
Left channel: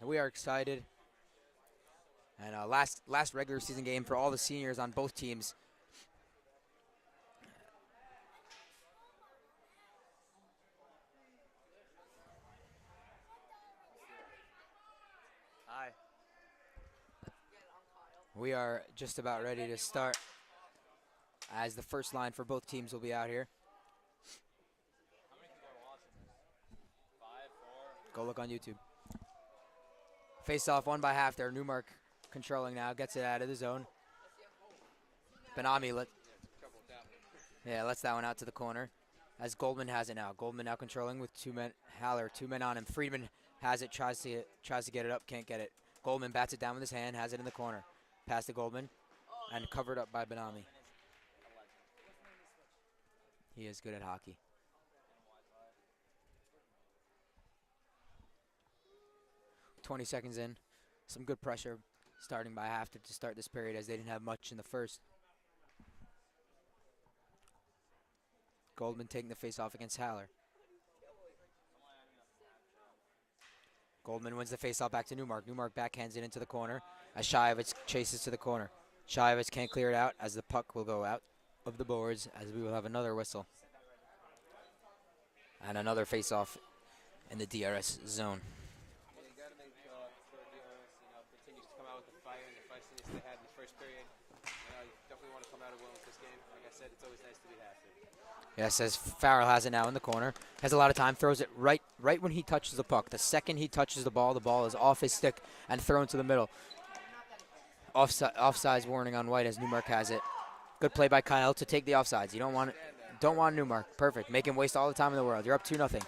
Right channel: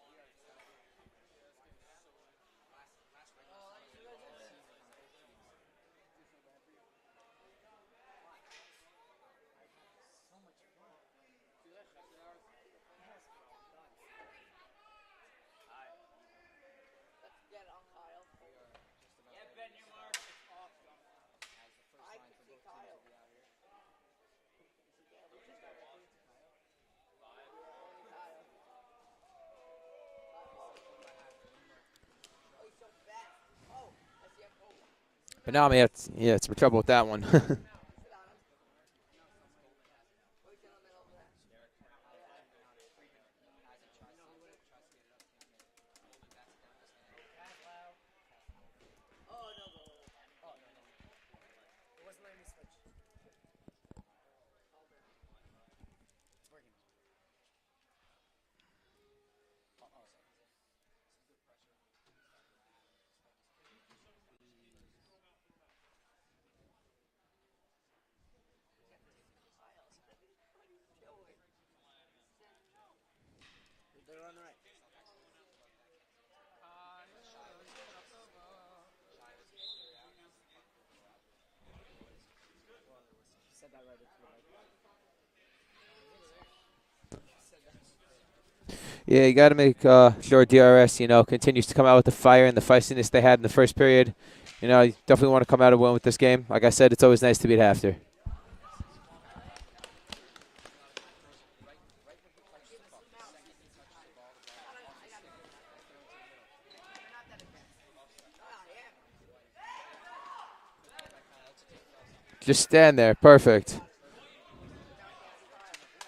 and we are excited. And last regular season game for all the seniors on both teams. We are just about ready to start, as the first line for both teams will be out here. Go look on YouTube. Face off won by HAFTR. Newmark controlling now, gets it out of the zone. But now yeah, it's trouble with that one. Yeah, lets that one out to the corner, as Goldman has it now. Goldman now controlling with 2 men. Haller, 2 men on him. Friedman has it, tries to get it up, can't get it. Goldman bats it down with his hand, has it in the corner. Pass to Goldman, and covered up by Benami. He is good at hockey. "20 seconds in. Some good pressure starting by HAFTR to start this period, as they didn't have much in the first. Goldman taking the face-off against Haller. Goldman wins the face-off back to Newmark. Newmark backhands it into the corner as Shayevitz chases to the corner. Shayevitz can't clear it out, as the puck will go out of the boards, as we will have another whistle. And another face-off in the DRS zone. Yeah, you got to make sure DRS, continues to come out with the fire and the feistiness they had in the first period. You definitely want to come out and win with this game. Like I said, it's always nice to beat HAFTR. Yes, as Farrell has it now in the corner. Has a lot of time, throws it right when he touches the puck. The second he touches the ball is off his stick and thrown to the middle. Offsides warning on White, as Newmark has it. Good play by Kyle to take the offsides. You don't Just want stand there. don't want Perfect. Newmark. Perfect. Make him waste all the time in the world. You're up 2-0.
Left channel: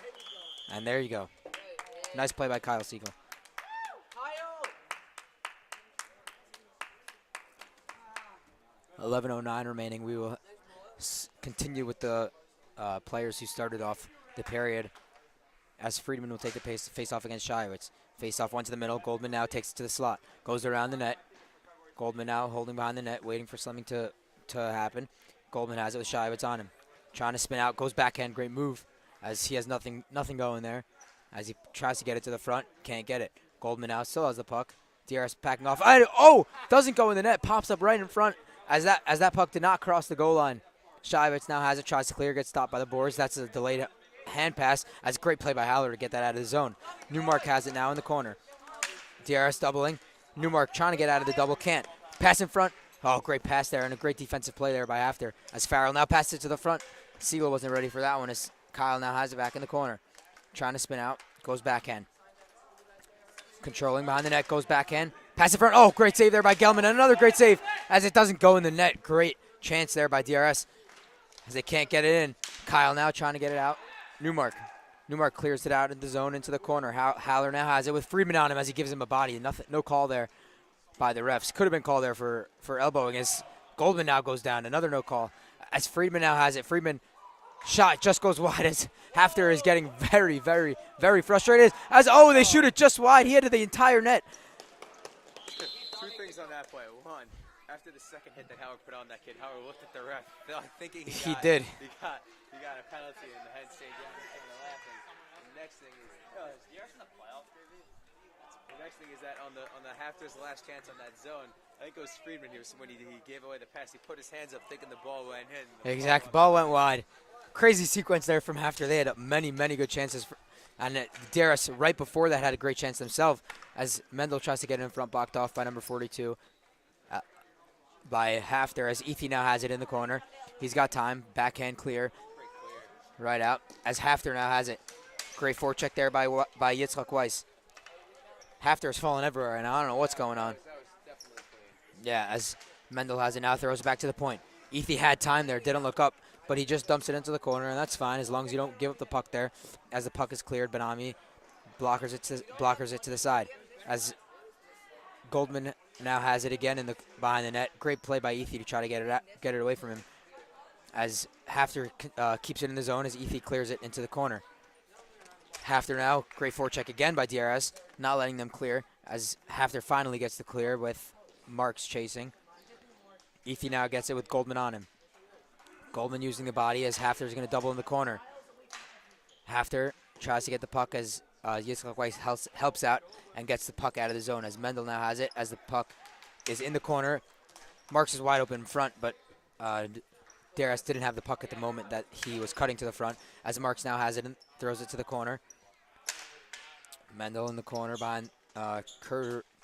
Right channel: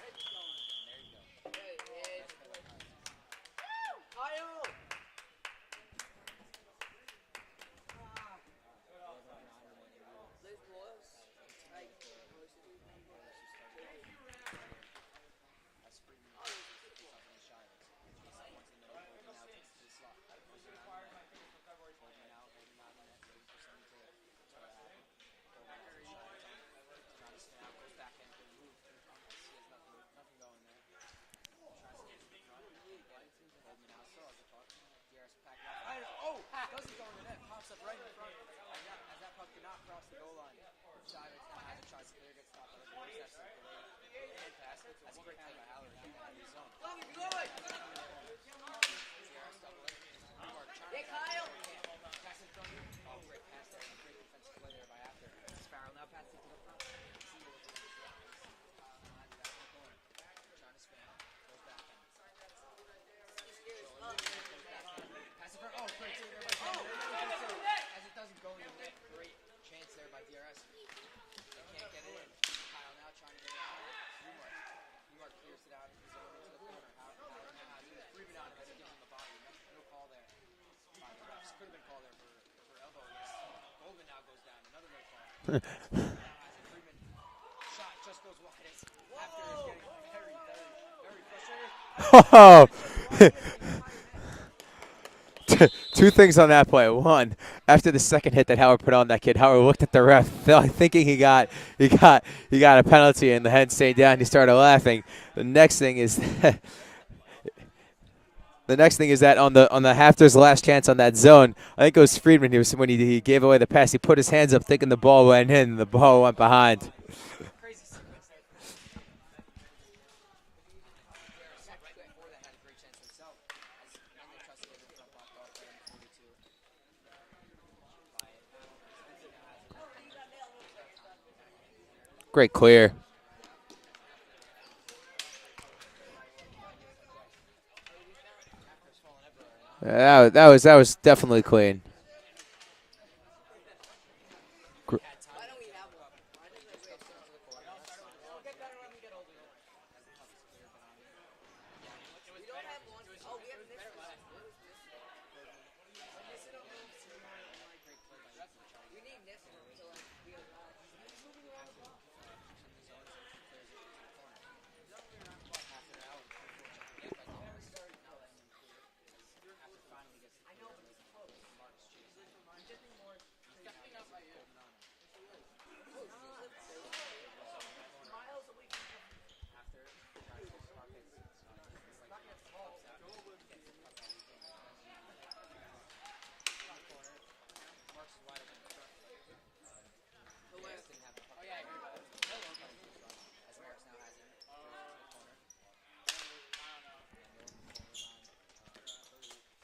And there you go. Nice play by Kyle Siegel. .11:09 remaining. We will continue with the players who started off the period, as Friedman will take the face-off against Shayevitz. Face-off one to the middle. Goldman now takes it to the slot. Goes around the net. Goldman now holding behind the net, waiting for something to happen. Goldman has it with Shayevitz on him. Trying to spin out. Goes backhand. Great move, as he has nothing going there. As he tries to get it to the front. Can't get it. Goldman now still has the puck. DRS packing off. Doesn't go in the net. Pops up right in front, as that puck did not cross the goal line. Shayevitz now has it, tries to clear, gets stopped by the boards. That's a delayed hand pass. That's a great play by Haller to get that out of the zone. Newmark has it now in the corner. DRS doubling. Newmark trying to get out of the double, can't. Pass in front. Oh, great pass there, and a great defensive play there by HAFTR. As Farrell now passes it to the front. Siegel wasn't ready for that one, as Kyle now has it back in the corner. Trying to spin out, goes backhand. Controlling behind the net, goes backhand. Pass in front. Oh, great save there by Gelman, and another great save, as it doesn't go in the net. Great chance there by DRS, as they can't get it in. Kyle now trying to get it out. Newmark clears it out in the zone into the corner. Haller now has it with Friedman on him, as he gives him a body. No call there by the refs. Could have been called there for elbowing, as Goldman now goes down. Another no call, as Friedman now has it. Friedman shot just goes wide, as HAFTR is getting very, very, very frustrated. They shoot it just wide. He hit the entire net. Two things on that play. One, after the second hit that Howard put on that kid, Howard looked at the ref, thinking he got a penalty, and the head stayed down. He started laughing. The next thing is that on the HAFTR's last chance on that zone, I think it was Friedman. When he gave away the pass, he put his hands up, thinking the ball went in. The ball went behind. Wide. Crazy sequence there from HAFTR. They had many good chances. And DRS right before that had a great chance themselves, as Mendel tries to get in front, blocked off by number 42 by HAFTR, as Ethi now has it in the corner. He's got time. Backhand clear. Great clear. Right out, as HAFTR now has it. Great forecheck there by Yitzchak Weiss. HAFTR is falling everywhere, and I don't know what's going on. That was definitely clean. Yeah, as Mendel has it now, throws it back to the point. Ethi had time there, didn't look up, but he just dumps it into the corner, and that's fine as long as you don't give up the puck there. As the puck is cleared, Benami blockers it to the side. As Goldman now has it again behind the net. Great play by Ethi to try to get it away from him. As HAFTR keeps it in the zone as Ethi clears it into the corner. HAFTR now, great forecheck again by DRS, not letting them clear as HAFTR finally gets the clear with Marks chasing. Ethi now gets it with Goldman on him. Goldman using the body as HAFTR is going to double in the corner. HAFTR tries to get the puck as Yitzhak Weiss helps out and gets the puck out of the zone as Mendel now has it as the puck is in the corner. Marks is wide open in front, but DRS didn't have the puck at the moment that he was cutting to the front as Marks now has it and throws it to the corner. Mendel in the corner behind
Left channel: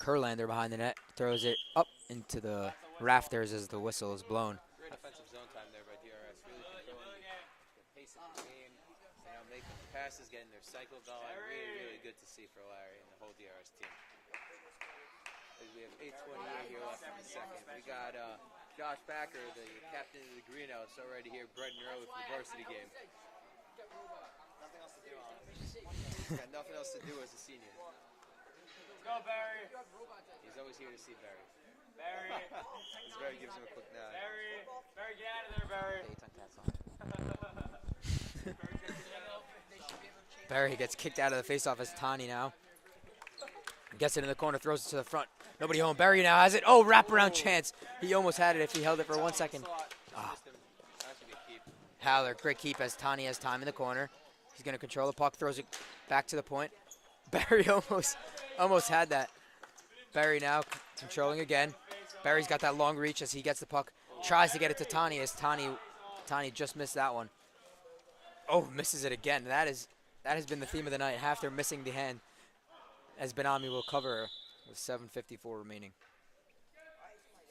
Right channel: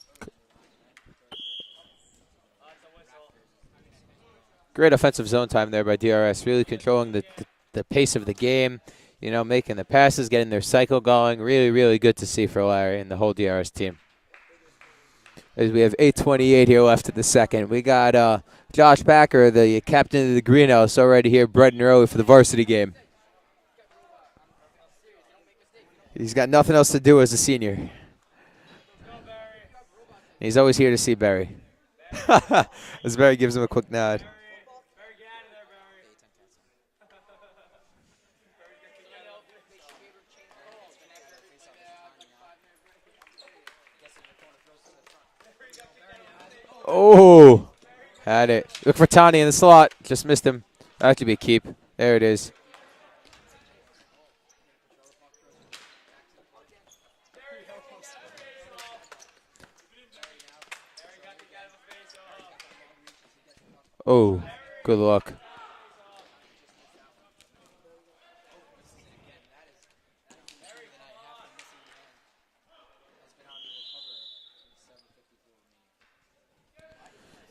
Kurlander behind the net, throws it up into the rafters as the whistle is blown. Great offensive zone time there by DRS, really controlling the pace of the game, you know, making the passes, getting their cycle going. Really, really good to see for Larry and the whole DRS team. As we have 8:28 here left in the second. We got Josh Packer, the captain of the Greenhouse, already here bright and early for the varsity game. He's got nothing else to do as a senior. He's always here to see Barry. As Barry gives him a quick nod. Barry gets kicked out of the faceoff as Tani now gets it in the corner, throws it to the front. Nobody home. Barry now has it. Oh, wraparound chance. He almost had it. If he Look for Tani in the slot. Just missed him. That could be a keep. There it is. Great keep as Tani has time in the corner. He's going to control the puck, throws it back to the point. Barry almost had that. Barry now controlling again. Barry's got that long reach as he gets the puck. Oh, tries to get it to good Tani luck. as Tani just missed that one. Oh, misses it again. That has been the theme of the night. HAFTR missing the hand as Benami will cover with 7:54 remaining.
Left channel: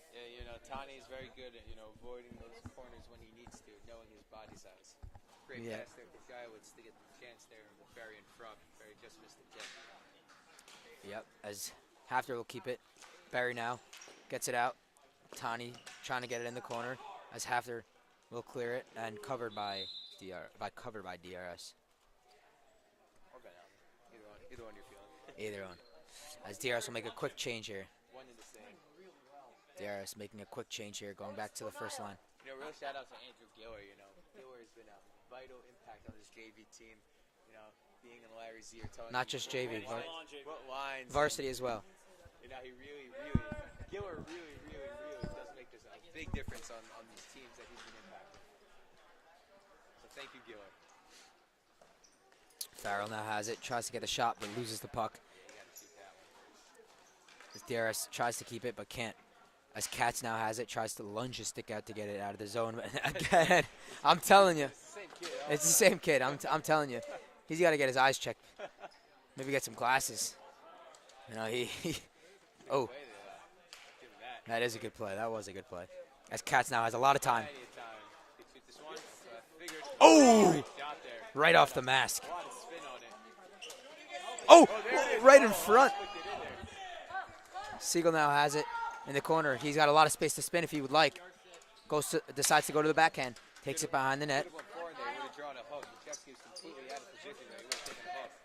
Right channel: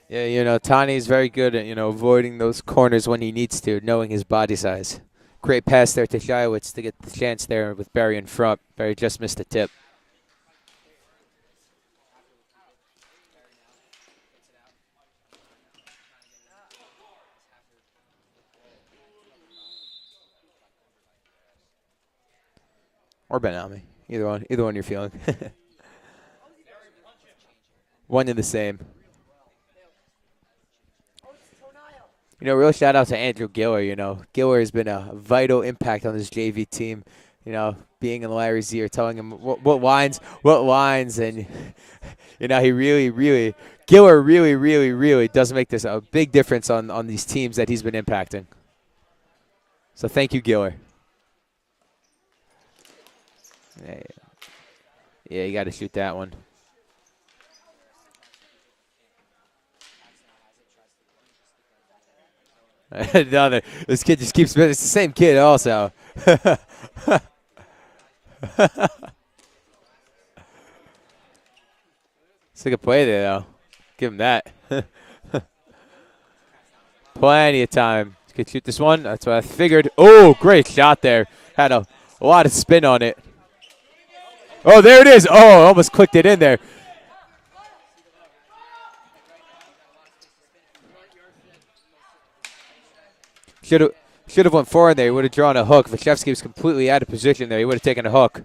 Yeah, you know, Tani's very good at, you know, avoiding those corners when he needs to, knowing his body size. Great pass there to Shiowitz to get the chance there with Barry in front. Barry just missed the tip. Yep, as HAFTR will keep it. Barry now gets it out. Tani trying to get it in the corner as HAFTR will clear it and covered by DRS. Or Benami. Either one you're feeling. Either one. As DRS will make a quick change here. One and the same. DRS making a quick change here, going back to the first line. You know, real shout out to Andrew Giller. You know, Giller has been a vital impact on this JV team. You know, being in Larry's ear, telling Not him just what lines, Varsity and as well. you know, he Giller really does make this a big difference on these teams that he's been impacting. So thank you, Giller. Farrell now has it, tries to get a shot, but loses the puck. Yeah, you got to shoot that one. As DRS tries to keep it, but can't. As Katz now has it, tries to lunge his stick out to get it out of the zone. No, this kid just keeps. telling you. It's the same kid also. Same kid, I'm telling you. He's got to get his eyes checked. Maybe get some glasses. You know, It's a good play there, though. Give him that. That is a good play. That was a good play. As Katz now has a lot of time. Plenty of time. Could shoot this one. That's what I figured. Oh, great shot there. Right Had off the mask. a lot of spin on it. Oh, there it is. Oh, almost clicked it in there. Siegel now has it in the corner. He's got a lot of space to spin if he would like. Decides to go to the backhand. Should have went forward there. He would have drawn a hook. Vachevsky was completely out of position there. He would have taken a hook.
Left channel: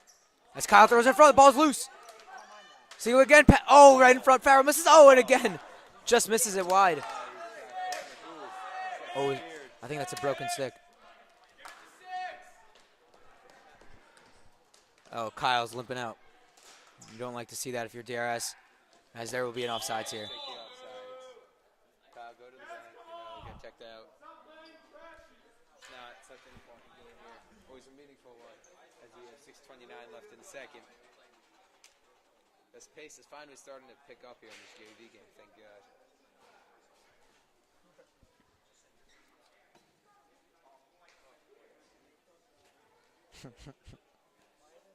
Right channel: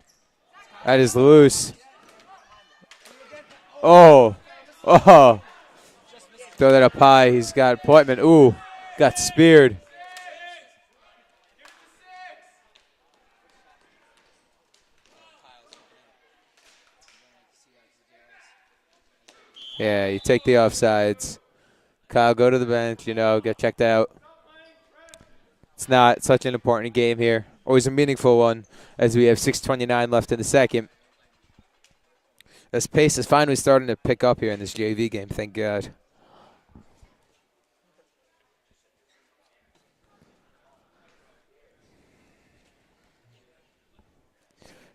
As Kyle That throws is in front, the ball's loose. loose. Siegel again. Right in front. Farrell misses. Again. Just misses it Throw that wide. up high. He's got Poitman. Ooh, got speared. I think that's a broken stick. Oh, Kyle's limping out. You don't like to see that if you're DRS, as there will be an offside. Yeah, you take the offsides. Kyle, go to the bench, you know, get checked out. It's not such an important game here. Always a meaningful one as we have 6:29 left in the second. This pace is finally starting to pick up here in this JV game, thank God.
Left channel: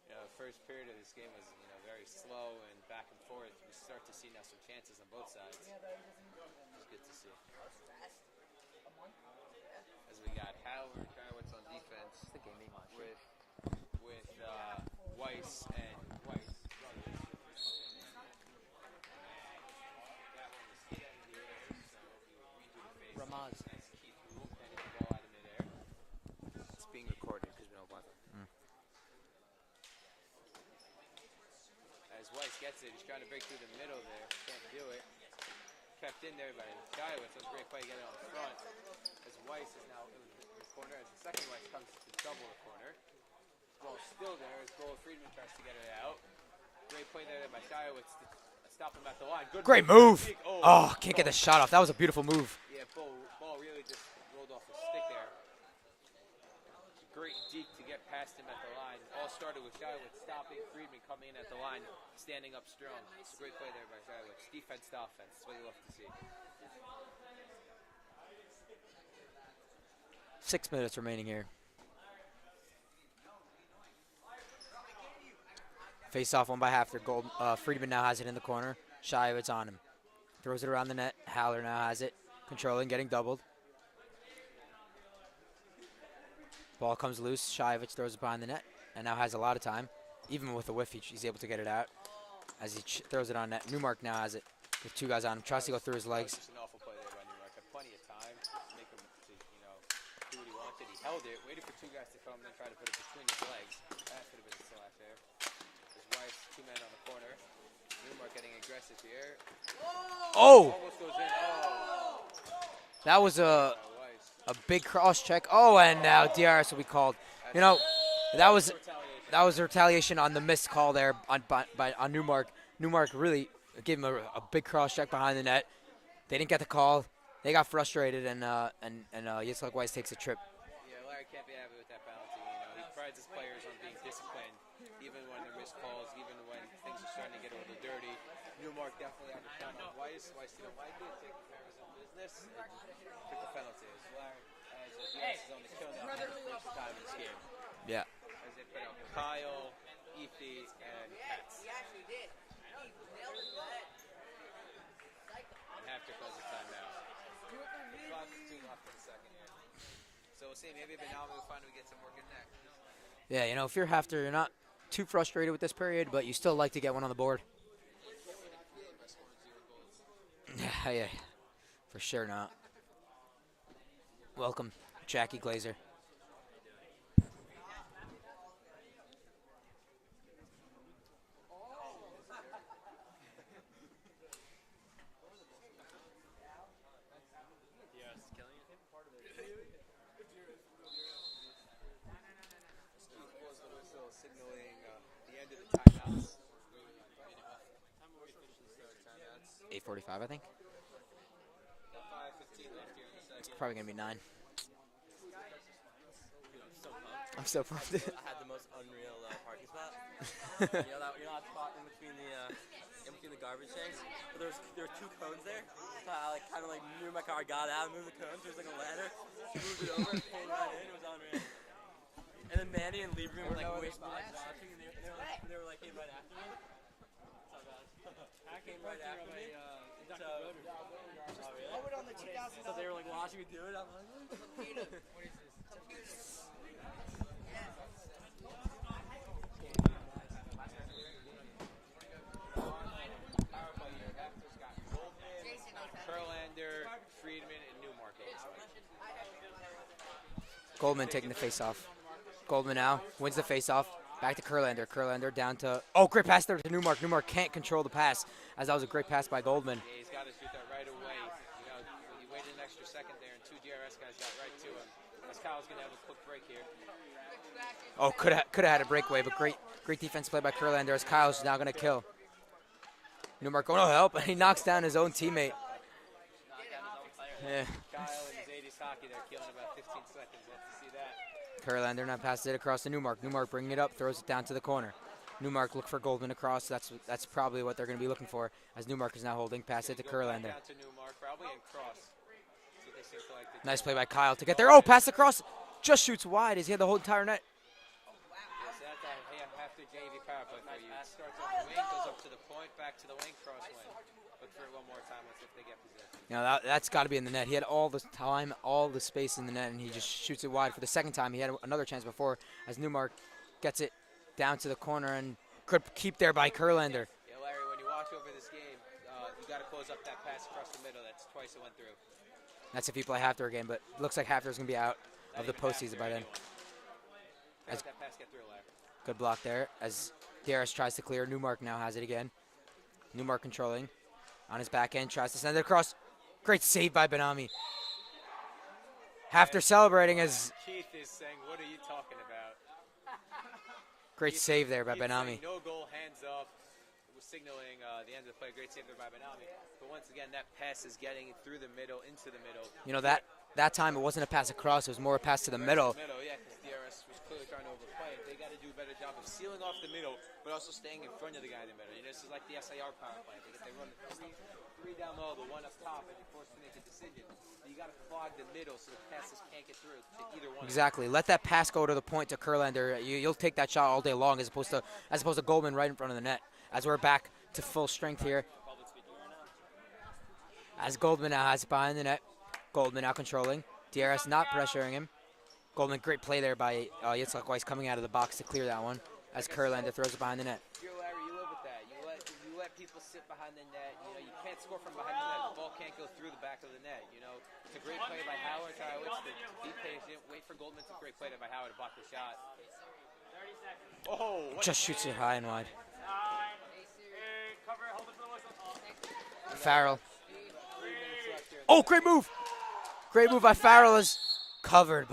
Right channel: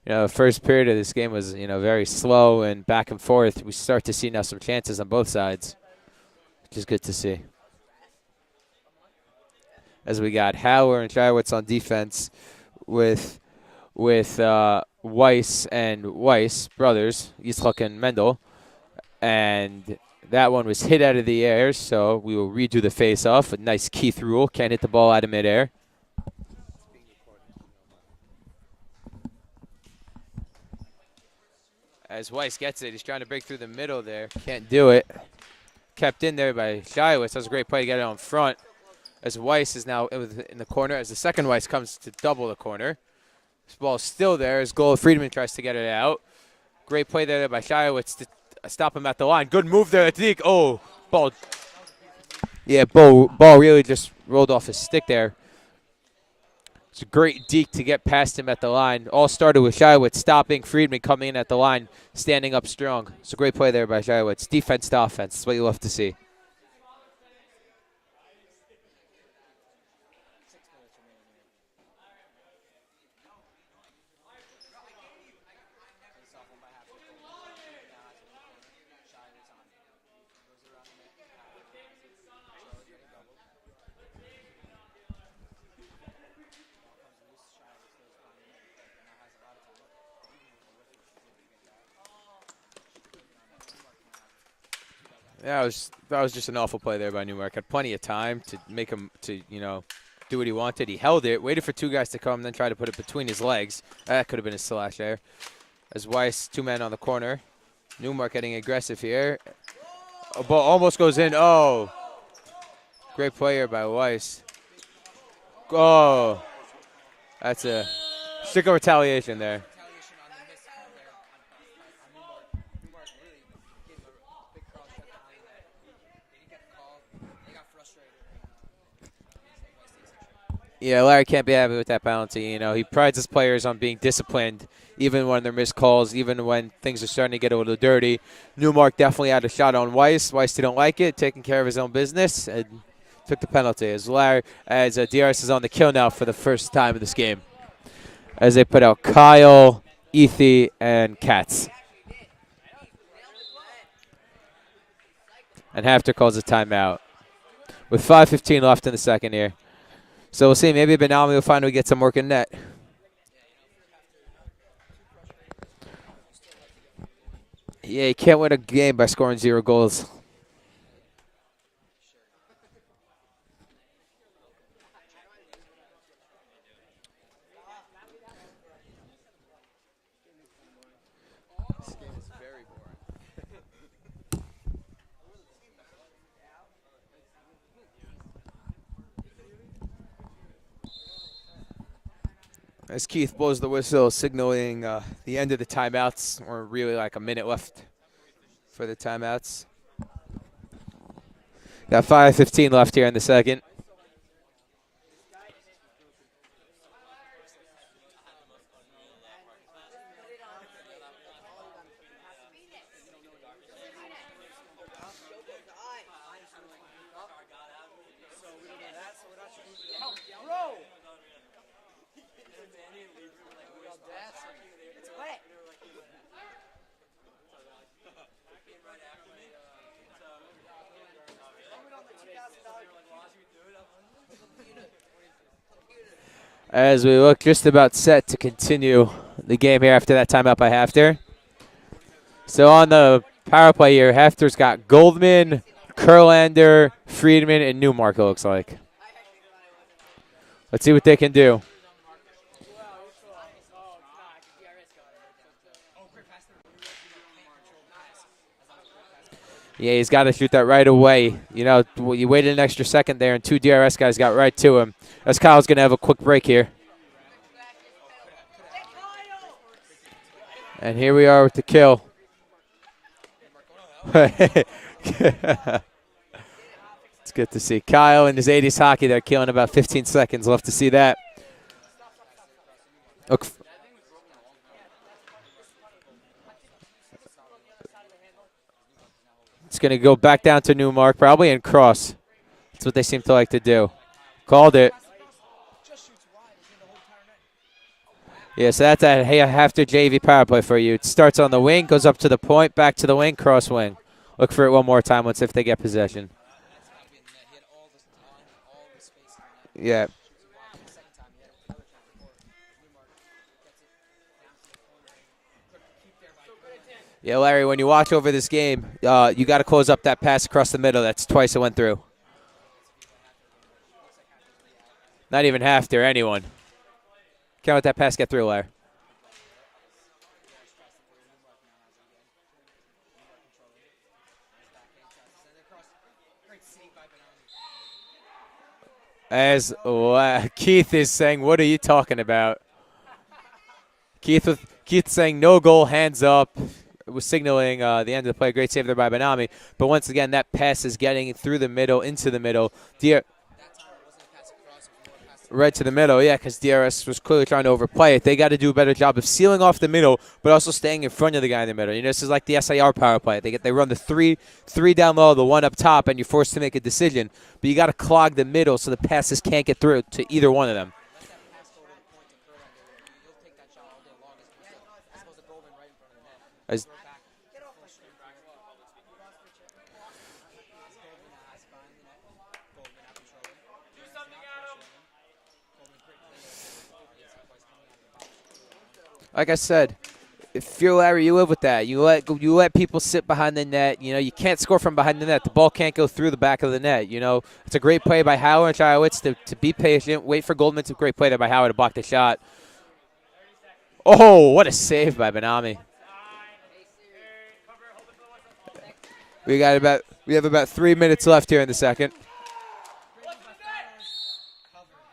You know, the first period of this game was, you know, very slow and back and forth. We start to see now some chances on both sides, which is good to see. As we got Howler and Shiowitz on defense with Weiss and Weiss, brothers, Yitzchak and Mendel. And that one was hit out of the air, so we will redo the face-off. A nice Keith rule. Can't hit the ball out of midair. It's being recorded. As Weiss gets it, he's trying to break through the middle there. Can't do it. Kept in there by Shiwitz. That was a great play to get it on front. As Weiss is now in the corner, as the second Weiss comes to double the corner. This ball is still there as goal. Friedman tries to get it out. Great play there by Shiwitz to stop him at the line. Good move there, Deke. Oh, can't get a shot off. That was a beautiful move. Yeah, ball really just rolled off his stick there. It's a great deke to get past him at the line. All started with Shiwitz stopping Friedman coming in at the line, standing up strong. It's a great play there by Shiwitz. Defense to offense. That's what you love to see. 6 minutes remaining here. Face off one by HAFTR. Friedman now has it in the corner. Shiwitz on him. Throws it around the net. Haller now has it. Controlling, getting doubled. Ball comes loose. Shiwitz throws it behind the net and now has a lot of time. Even with a whiff, he's able to get it out as he throws it on net. Newmark now has it with 2 guys on him. Yeah, that was just an awful play there by Newmark. Had plenty of time to make him do what he wanted. He held it, waited for 2 guys to come, then tried to put it between his legs. That could have been a slash there. As Weiss, 2 men on the corner. Newmark getting aggressive here. Oh! Ball almost goes in. Oh! That Great was player by Weiss. a big cross check. Oh, and now DRS will be called. That's that was retaliation. That was retaliation on the missed call there on Newmark. Newmark really gave him a big cross check behind the net. They didn't get the call. They got frustrated, and Yitzhak Weiss takes a trip. Yeah, Larry can't be happy with that penalty. He prides his players on being disciplined, even when they're missed calls, even when things are starting to get a little dirty. Newmark definitely had a shot on Weiss. Weiss didn't like it, taking care of his own business, and took the penalty. As DRS is on the kill now for the first time in this game. Yeah. As they put out Kyle, Ethi, and Katz. And HAFTR calls a timeout with 5:15 left in the second here. So we'll see. Maybe Benami will finally get some work in net. Yeah, if you're HAFTR, you're not too frustrated with this period, but you still like to get one on the board. Yeah, you can't win a game by scoring 0 goals. Yeah, for sure not. Welcome, Jackie Glazer. As Keith blows the whistle, signaling the end of the timeouts, or really like a minute left for the timeouts. 8:45, I think. Got 5:15 left here in the second. Probably gonna be 9. I'm so pumped. I had the most unreal parking spot. You know that spot in between the garbage tanks? There were 2 cones there. I kind of moved my car, got out, moved the cones. There was a ladder. Moved it over. Came right in. It was unreal. And then Manny and Lieberman were way spots watching, and they were came right after me. Came right after me. So they were watching me do it. As we look just about set to continue the game here after that timeout by HAFTR. So on the power play here, HAFTR's got Goldman, Kurlander, Friedman, and Newmark, it looks like. Let's see what they can do. Goldman now wins the face-off. Back to Kurlander. Kurlander down to – oh, great pass there to Newmark. Newmark can't control the pass, as that was a great pass by Goldman. Yeah, he's got to shoot that right away. You waited an extra second there, and 2 DRS guys got right to him. As Kyle's going to have a quick break here. Oh, could have had a breakaway, but great defense play by Kurlander. And here we are with the kill. Newmark going to help. He knocks down his own teammate. It's good to see. Kyle in his 80s hockey there, killing about 15 seconds. Love to see that. Kurlander now passes it across to Newmark. Newmark bringing it up, throws it down to the corner. Newmark look for Goldman across. That's probably what they're going to be looking for, as Newmark is now holding. It's going to go back down to Newmark probably and cross. That's what they seem to like to do. Nice play by Kyle to get Called there. it. Pass across, just shoots wide as he had the whole entire net. Yeah, so that's a HAFTR JV power play for you. It starts on the wing, goes up to the point, back to the wing, cross wing. Look for it one more time. Let's see if they get possession. That's got to be in the net. He had all the time, all the space in the net, and he just shoots it wide for the second time. He had another chance before as Newmark gets it down to the corner, and Good keep there by Kurlander. Yeah, Larry, when you watch over this game, you got to close up that pass across the middle. That's twice it went through. That's if you play HAFTR again, but looks like HAFTR's going to be out. Not even HAFTR, anyone. Can't let that pass get through, Larry. Good block there as DRS tries to clear. Newmark now has it again. Newmark controlling. On his back end, tries to send it across. Great save by Benami. After celebrating his Keith is saying, what are you talking about? great save there by Keith Benami. saying no goal, hands up. It was signaling the end of the play. Great save there by Benami. But once again, that pass is getting through the middle, into the middle. You know, that time it wasn't a pass across. It was more a pass to the middle. Right to the middle, yeah, because DRS was clearly trying to overplay it. They got to do a better job of sealing off the middle, but also staying in front of the guy in the middle. You know, this is like the SIR power play. They run the three down low, the one up top, and you're forced to make a decision. But you got to clog the middle so the passes can't get through to either one of them. Exactly. Let that pass go to the point to Kurlander. You'll take that shot all day long, as opposed to Goldman right in front of the net. As we're back to full strength here. As Goldman now has it behind the net. Goldman now controlling. DRS not pressuring him. Goldman, great play there by Yitzhak Weiss coming out of the box to clear that one. Like I said, throws it behind the net. if you're Larry, you live with that. You let people sit behind the net. You know, you can't score from behind the net. The ball can't go through the back of the net. You know, it's a great play by Howard and Chilowitz to be patient, wait for Goldman. It's a great play there by Howard to block the shot. Oh, what a save by Benami. We have about 3 minutes left here in the second. Great move. Great move by Farrell, is covered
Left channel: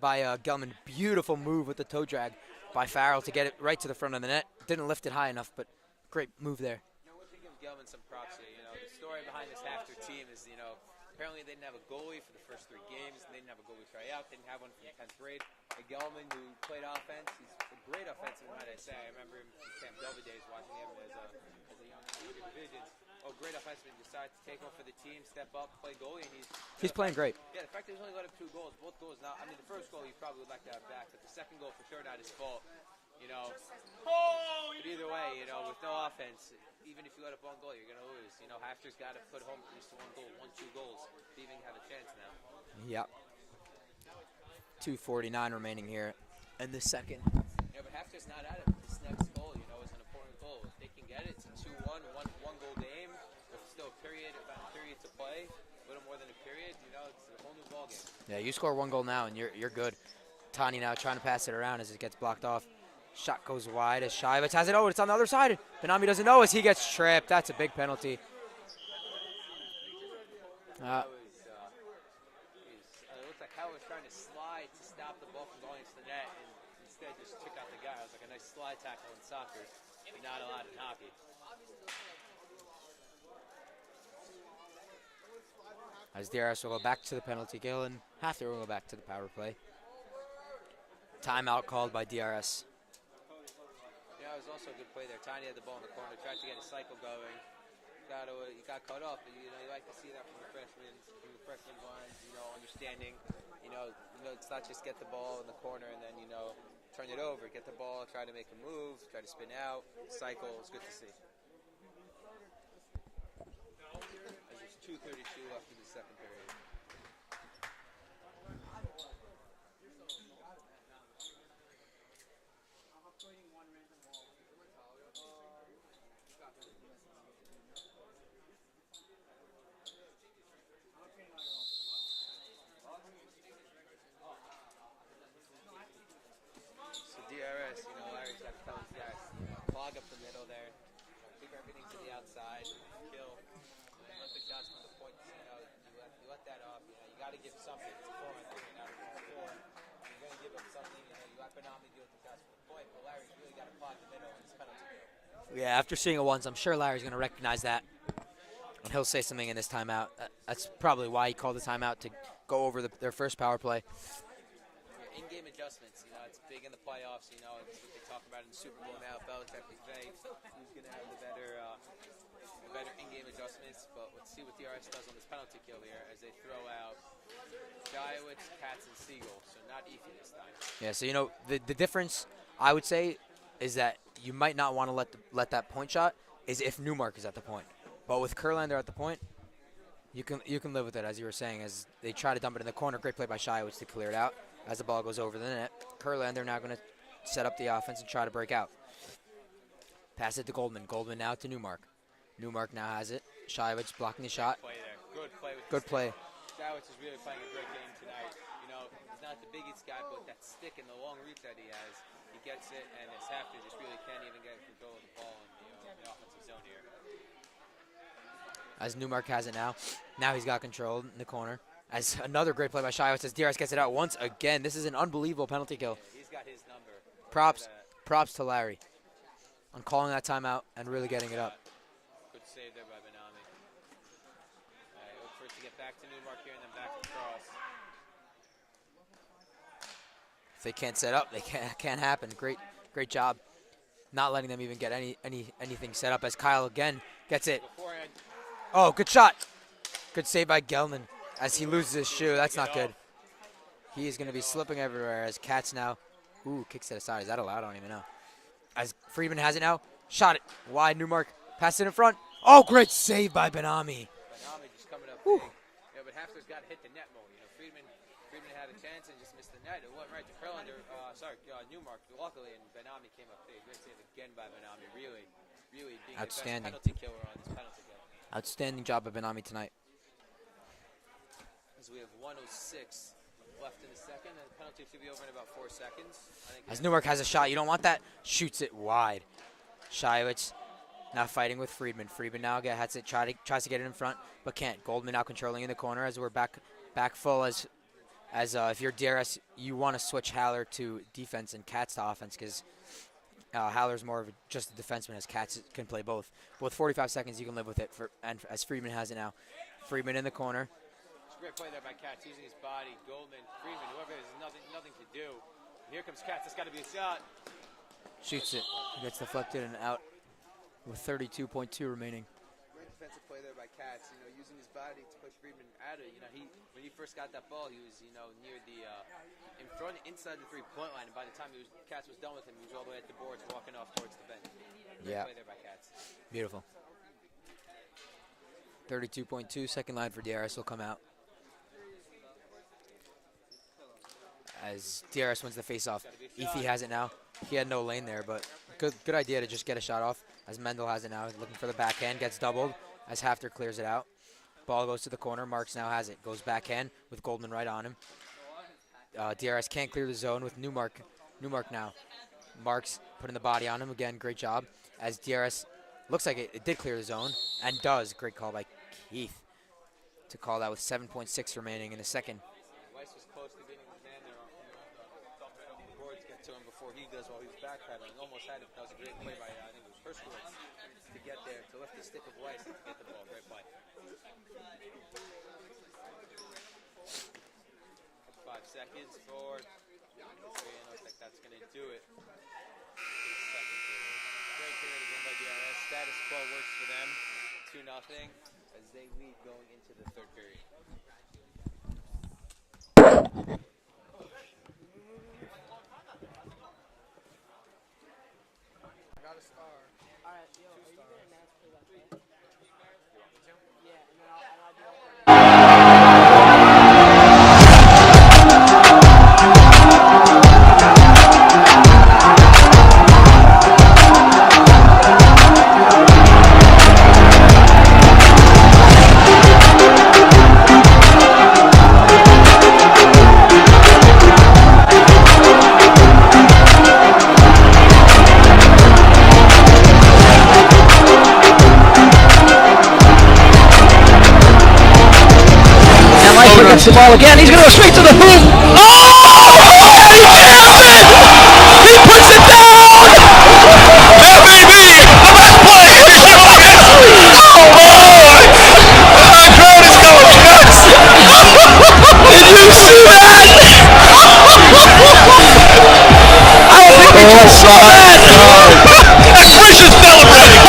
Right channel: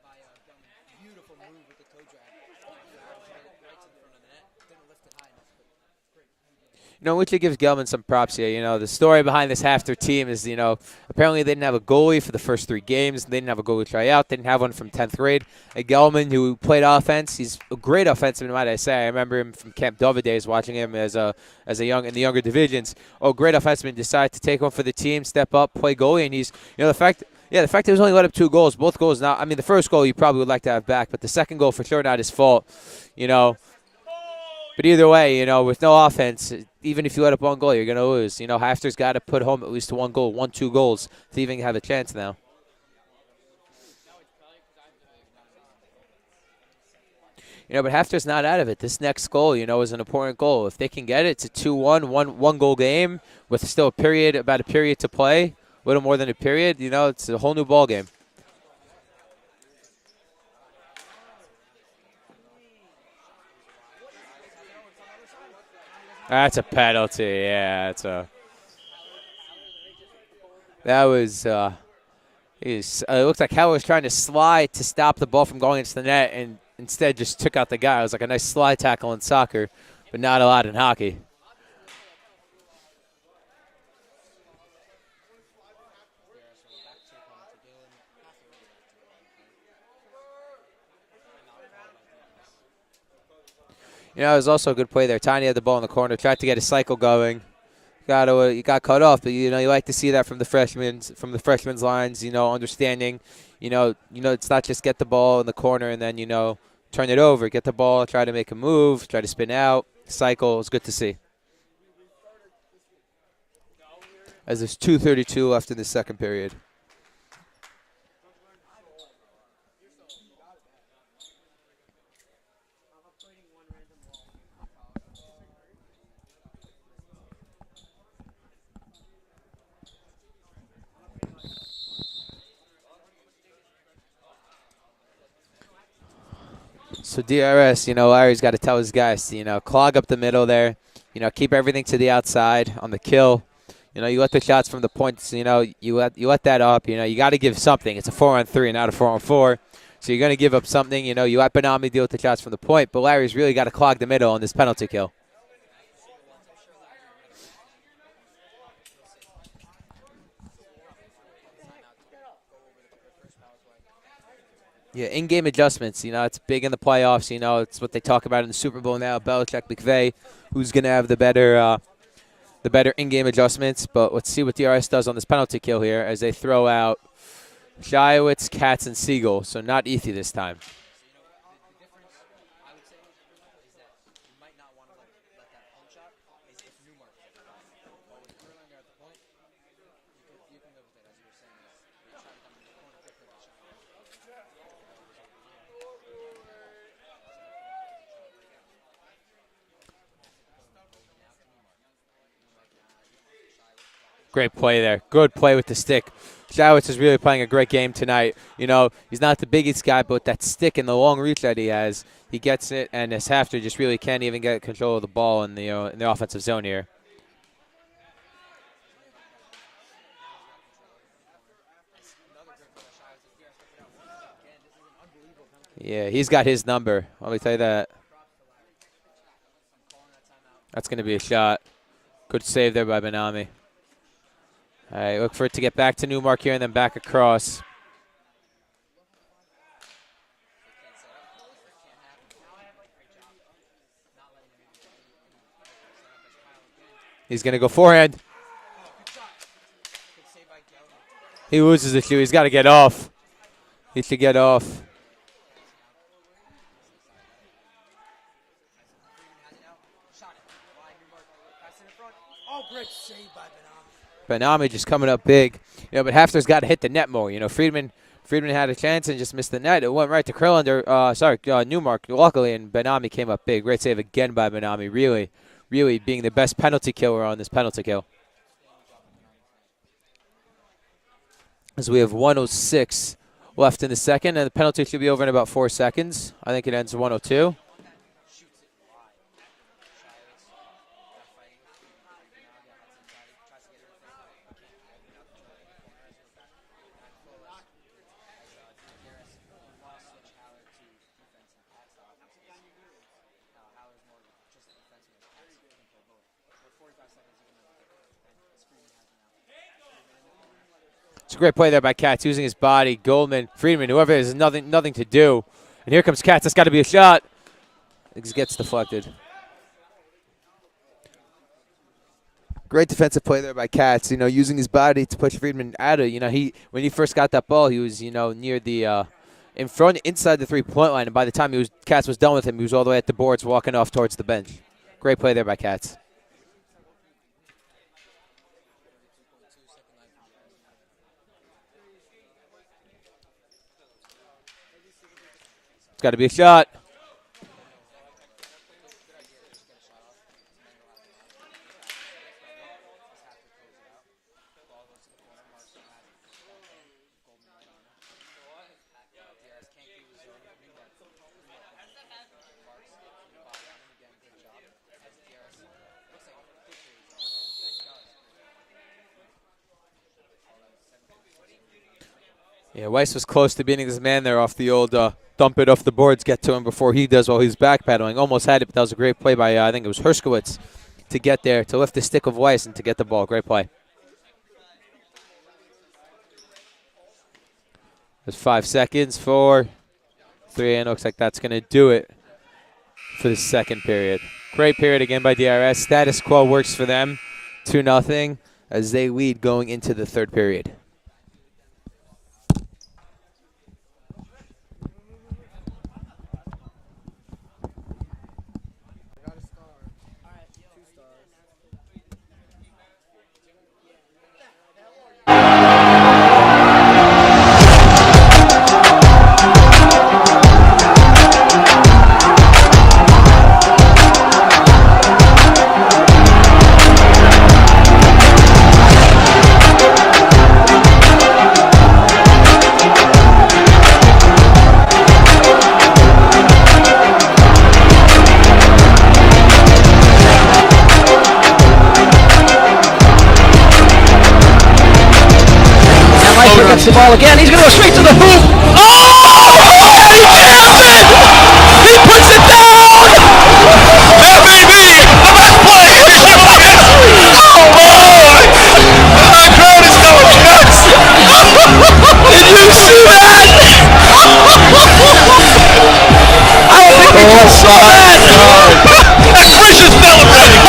by Gelman. Beautiful move with the toe drag by Farrell to get it right to the front of the net. Didn't lift it high enough, but great move there. You know, which gives Gelman some props here. You know, the story behind this HAFTR team is, you know, apparently they didn't have a goalie for the first 3 games. They didn't have a goalie tryout. They didn't have one from 10th grade. Gelman, who played offense, he's a great offenseman, might I say. I remember him from Camp Dover days, watching him in the younger divisions. Oh, great offenseman, decided to take one for the team, step up, play goalie, and he's, you know, the fact that he was only let up 2 goals. Both goals not. I mean, the first goal you probably would like to have back, but the second goal for sure not his fault. You know. But either way, you know, with no offense, even if you let up 1 goal, you're going to lose. You know, HAFTR's got to put home at least 1 goal, 1-2 goals to even have a chance now. Yep. 2:49 remaining here in the second. You know, but HAFTR's not out of it. This next goal, you know, is an important goal. If they can get it, it's a 2-1, one-goal game with still about a period to play, a little more than a period. You know, it's a whole new ball game. Yeah, you score 1 goal now, and you're good. Tani now trying to pass it around as it gets blocked off. Shot goes wide as Shivitz has it. Oh, it's on the other side. Benami doesn't know as he gets penalty. tripped. That's Yeah, a big penalty. That was it looked like Howard was trying to slide to stop the ball from going into the net, and instead just took out the guy. It was like a nice slide tackle in soccer, but not a lot in hockey. As DRS will go back to the penalty kill, and HAFTR will go back to the power play. Timeout called by DRS. You know, it was also a good play there. Tiny had the ball in the corner, tried to get a cycle going. You got cut off, but you know you like to see that from the freshmen's lines. You know, understanding. You know, it's not just get the ball in the corner and then turn it over. Get the ball, try to make a move, try to spin out, cycle. It's good to see. As there's 2:32 left in the second period. So DRS, you know, Larry's got to tell his guys to, you know, clog up the middle there. You know, keep everything to the outside on the kill. You know, you let the shots from the points, you know, you let that up. You know, you got to give something. It's a 4-on-3, not a 4-on-4. So you're going to give up something. You know, you let Benami deal with the shots from the point, but Larry's really got to clog the middle on this penalty kill. Yeah, after seeing it once, I'm sure Larry's going to recognize that, and he'll say something in this timeout. That's probably why he called the timeout, to go over their first power play. Yeah, in-game adjustments, you know, it's big in the playoffs. You know, it's what they talk about in the Super Bowl now. Belichick, McVay, who's going to have the better in-game adjustments. But let's see what DRS does on this penalty kill here as they throw out Shiowitz, Katz, and Siegel. So not Ethi this time. Yeah, so, you know, the difference, I would say, is that you might not want to let that point shot is if Newmark is at the point. But with Kurlander at the point, you can live with it, as you were saying, as they try to dump it in the corner. Great play by Shiowitz to clear it out. As the ball goes over the net, Kurlander now going to set up the offense and try to break out. Pass it to Goldman. Goldman now to Newmark. Newmark now has it. Shaiwich blocking the Great shot. play there. Good play with the Good stick. play. Shawitz is really playing a great game tonight. You know, he's not the biggest guy, but that stick and the long reach that he has, he gets it, and this HAFTR just really can't even get control of the ball in the offensive zone here. As Newmark has it now. Now he's got control in the corner. As another great play by Shaiwich as DRS gets it out once again. This is an unbelievable penalty kill. Yeah, he's got his number. Let me tell you that. Props to Larry on calling that timeout. That's and going to really be a shot. Good save there by Benami. All right, look for it to get back to Newmark here and then back across. If they can't set up, they can't happen. Great job. Not letting them even get anything set up as Kyle again. He's going to go forehand. Oh, good shot. Good save by Gelman. As He loses the it, too. He's shoe. got to That's get not off. good. Needs to get off. Slipping everywhere as Katz now. Ooh, kicks it aside. Is that allowed? I don't even know. As Friedman has it now. Shot it. Wide Newmark. Pass it in front. Oh, great save by Benami. Benami just coming up big. You know, but HAFTR's got to hit the net more. You know, Friedman had a chance and just missed the net. It went right to Krillander, Newmark, luckily, and Benami came up big. Great save again by Benami. Really being the best penalty killer on this penalty kill. Outstanding job by Benami tonight. As we have 1:06 left in the second, and the penalty should be over in about 4 seconds. I think it ends Newmark has a 1:02. shot. You don't want that. Shoots it wide. Shaiwich now fighting with Friedman. Friedman now tries to get it in front, but can't. Goldman now controlling in the corner as we're back full. As if you're DRS, you want to switch Haller to defense and Katz to offense because Haller's more of just a defenseman as Katz can play both. With 45 seconds, you can live with it. And as Friedman has it now. Friedman in the corner. It's a great play there by Katz, using his body. Goldman, Friedman, whoever it is, nothing to do. And here comes Katz. That's got to be a shot. It just gets deflected. Gets deflected and out with 32.2 remaining. Great defensive play there by Katz. You know, using his body to push Friedman out of. You know, when he first got that ball, he was near the inside the 3-point line, and by the time Katz was done with him, he was all the way at the boards, walking off towards the bench. Great play there by Katz. Beautiful. 32.2, second line for DRS will come out. As DRS wins the face-off. Got to be a shot. He has it now. He had no lane there, but good idea to just get a shot off. As Mendel has it now, looking for the backhand, gets doubled. As HAFTR clears it out. Ball goes to the corner. Marks now has it. Goes backhand with Goldman right on him. DRS can't clear the zone with Newmark. Newmark now. Marks putting the body on him again. Great job. As DRS looks like it did clear the zone and does. Great call by Keith to call that with 7.6 remaining in the second. Yeah, Weiss was close to beating this man there off the old dump it off the boards, get to him before he does while he's backpedaling. Almost had it, but that was a great play by, I think it was Herskowitz, to get there, to lift the stick of Weiss and to get the ball. Great play. There's 5 seconds, 4, 3, and it looks like that's going to do it for the second period. Great period again by DRS. Status quo works for them, 2-0, as they lead going into the third period. The ball again. He's going to go straight to the hoop. Oh! He jams it! He puts it down! That may be the best play in humongous. Oh boy! The crowd is going nuts. Did you see that? I don't think we just saw that. And Frisch is celebrating.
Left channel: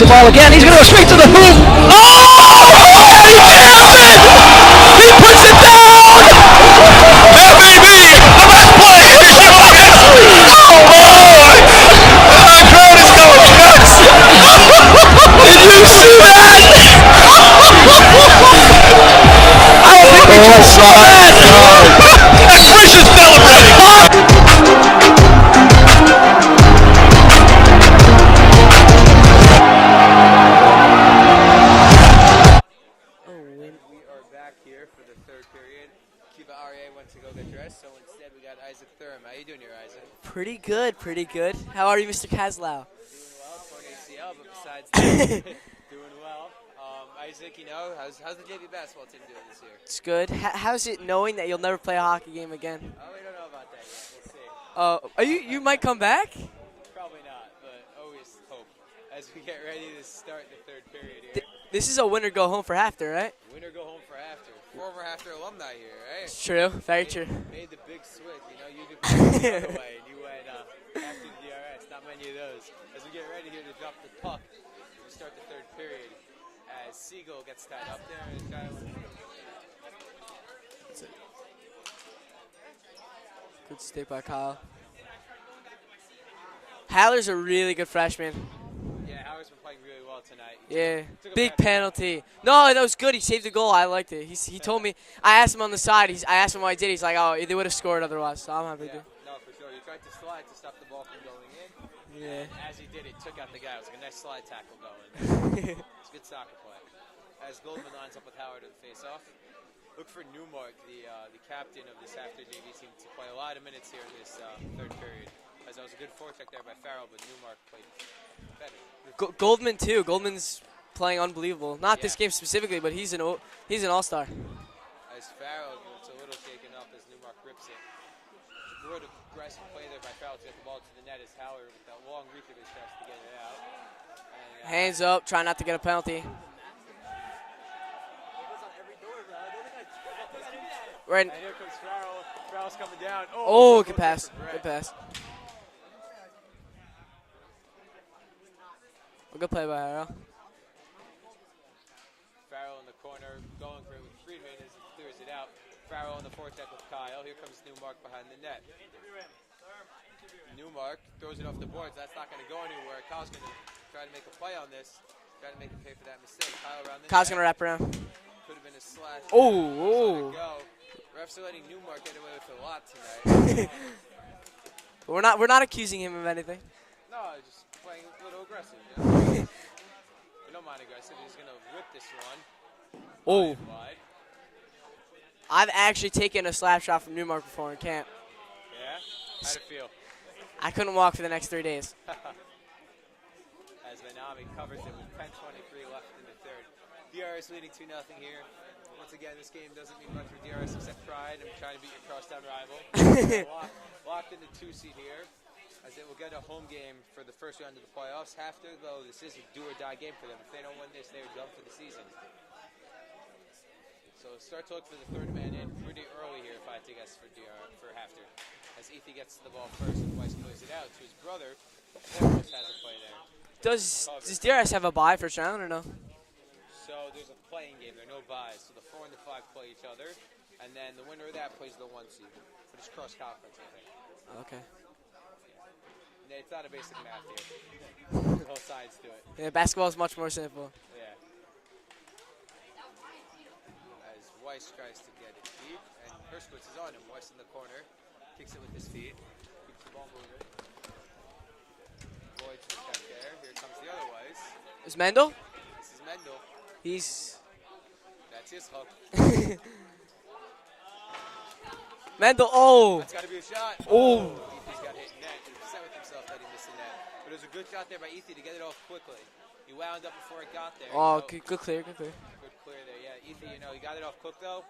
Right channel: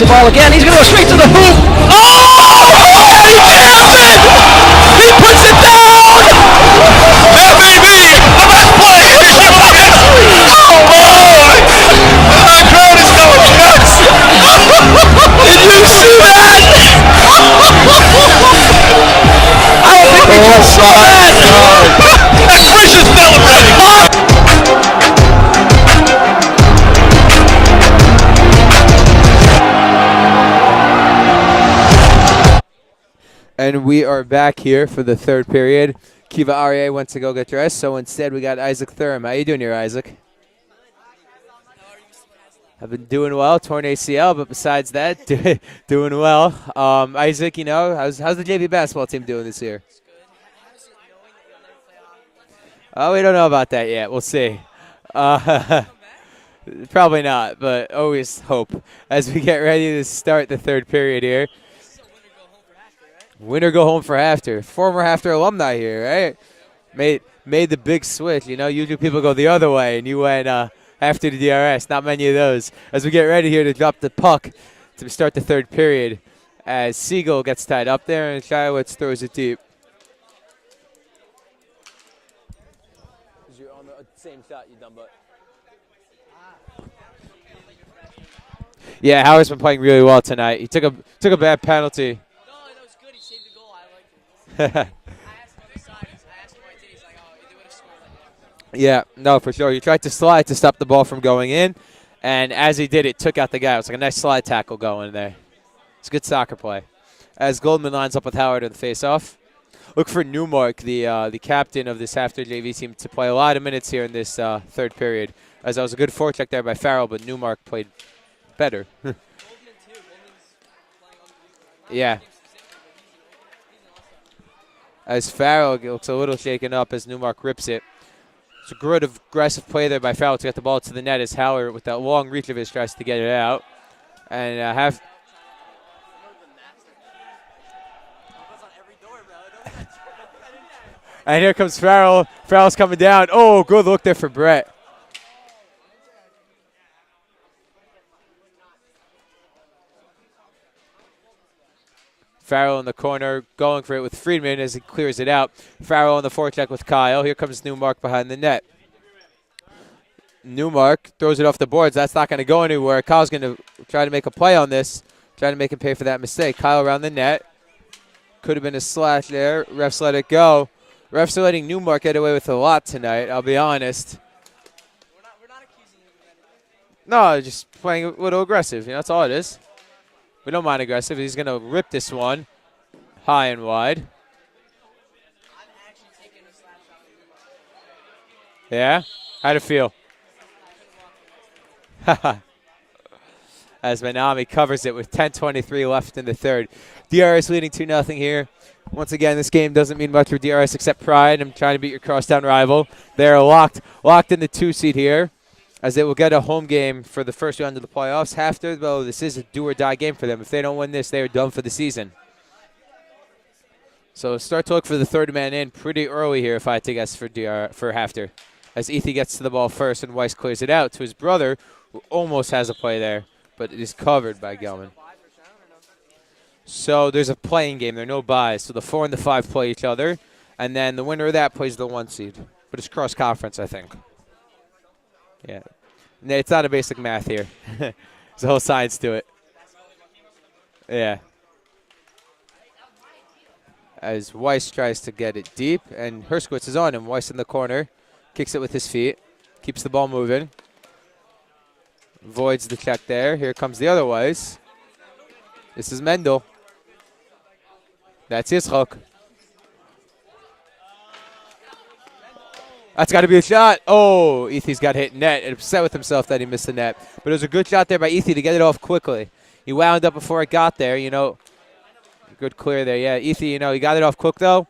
the ball again. He's going to go straight to the hoop. Oh! He jams it! He puts it down! That may be the best play in history. Oh boy! The crowd is going nuts. Did you see that? I don't think we just saw that. And Frisch is celebrating. And we are back here for the third period. Kiva Aryeh went to go get dressed, so instead we got Isaac Thurm. How you doing here, Isaac? Pretty good, pretty good. How are you, Mr. Kazlau? I've been doing well, torn ACL, but besides that, doing well. Isaac, you know, how's the JV basketball team doing this year? It's good. How's it knowing that you'll never play a hockey game again? Oh, we don't know about that yet. We'll see. You might come back? Probably not, but always hope as we get ready to start the third period here. This is a winner go home for HAFTR, right? Winner go home for HAFTR. Former HAFTR alumni here, right? True, very true. Made the big switch. You know, usually people go the other way, and you went after the DRS. Not many of those. As we get ready here to drop the puck to start the third period, as Siegel gets tied up there, and Shiowitz throws it deep. Good stick by Kyle. Haller's a really good freshman. Yeah, Howard's been playing really well tonight. He took a bad penalty. No, that was good. He saved the goal. I liked it. He told me. I asked him on the side. I asked him what I did. He's like, oh, they would have scored otherwise. So I'm happy. Yeah, no, for sure. He tried to slide to stop the ball from going in, and as he did, it took out the guy. It was like a nice slide tackle going there. It's a good soccer play. As Goldman lines up with Howard in the face-off. Look for Newmark, the captain of this HAFTR JV team, to play a lot of minutes here in this third period. As that was a good forecheck there by Farrell, but Newmark played better. Goldman too. Goldman's playing unbelievable. Not this game specifically, but he's an all-star. As Farrell looks a little shaken up as Newmark rips it. It's a good aggressive play there by Farrell to get the ball to the net as Howard, with that long reach of his, tries to get it out. And hands up, try not to get a penalty. Right. And here comes Farrell. Farrell's coming down. Oh, good look there for Brett. Good play by Farrell. Farrell in the corner, going for it with Friedman as he clears it out. Farrell on the forecheck with Kyle. Here comes Newmark behind the net. Newmark throws it off the boards. That's not going to go anywhere. Kyle's going to try to make a play on this, trying to make him pay for that mistake. Kyle around the net. Wrap around. Could have been a slash there. Refs let it go. Refs are letting Newmark get away with a lot tonight, I'll be honest. We're not accusing him of anything. No, just playing a little aggressive. You know, that's all it is. We don't mind aggressive. He's going to rip this one high and wide. I've actually taken a slap shot from Newmark before in camp. Yeah? How'd it feel? I couldn't walk for the next 3 days. As Manami covers it with 10:23 left in the third. DRS leading 2-0 here. Once again, this game doesn't mean much for DRS except pride. I'm trying to beat your crosstown rival. They're locked in the 2 seed here, as they will get a home game for the first round of the playoffs. HAFTR, though, this is a do-or-die game for them. If they don't win this, they are done for the season. So start to look for the third man in pretty early here, if I had to guess, for HAFTR. As Ethi gets to the ball first and Weiss clears it out to his brother, who almost has a play there, but is covered by Does DRS have Gelman. a bye first round or no? So there's a playing game. There are no buys. So the 4 and the 5 play each other, and then the winner of that plays the 1 seed. But it's cross-conference, I think. Okay. Yeah. It's not a basic math here. There's a whole science to it. Yeah, basketball is much more simple. Yeah. As Weiss tries to get it deep, and Herskowitz is on him. Weiss in the corner. Kicks it with his feet. Keeps the ball moving. Voids the check there. Here comes the other Weiss. Is Mendel? This is Mendel. That's his hook. Mendel, oh! That's got to be a shot. Oh, Ethy's got hit net and upset with himself that he missed the net. But it was a good shot there by Ethy to get it off quickly. He wound up before it got there, you know. Good clear, good clear. Good clear there, yeah. Ethy, you know, he got it off quick, though.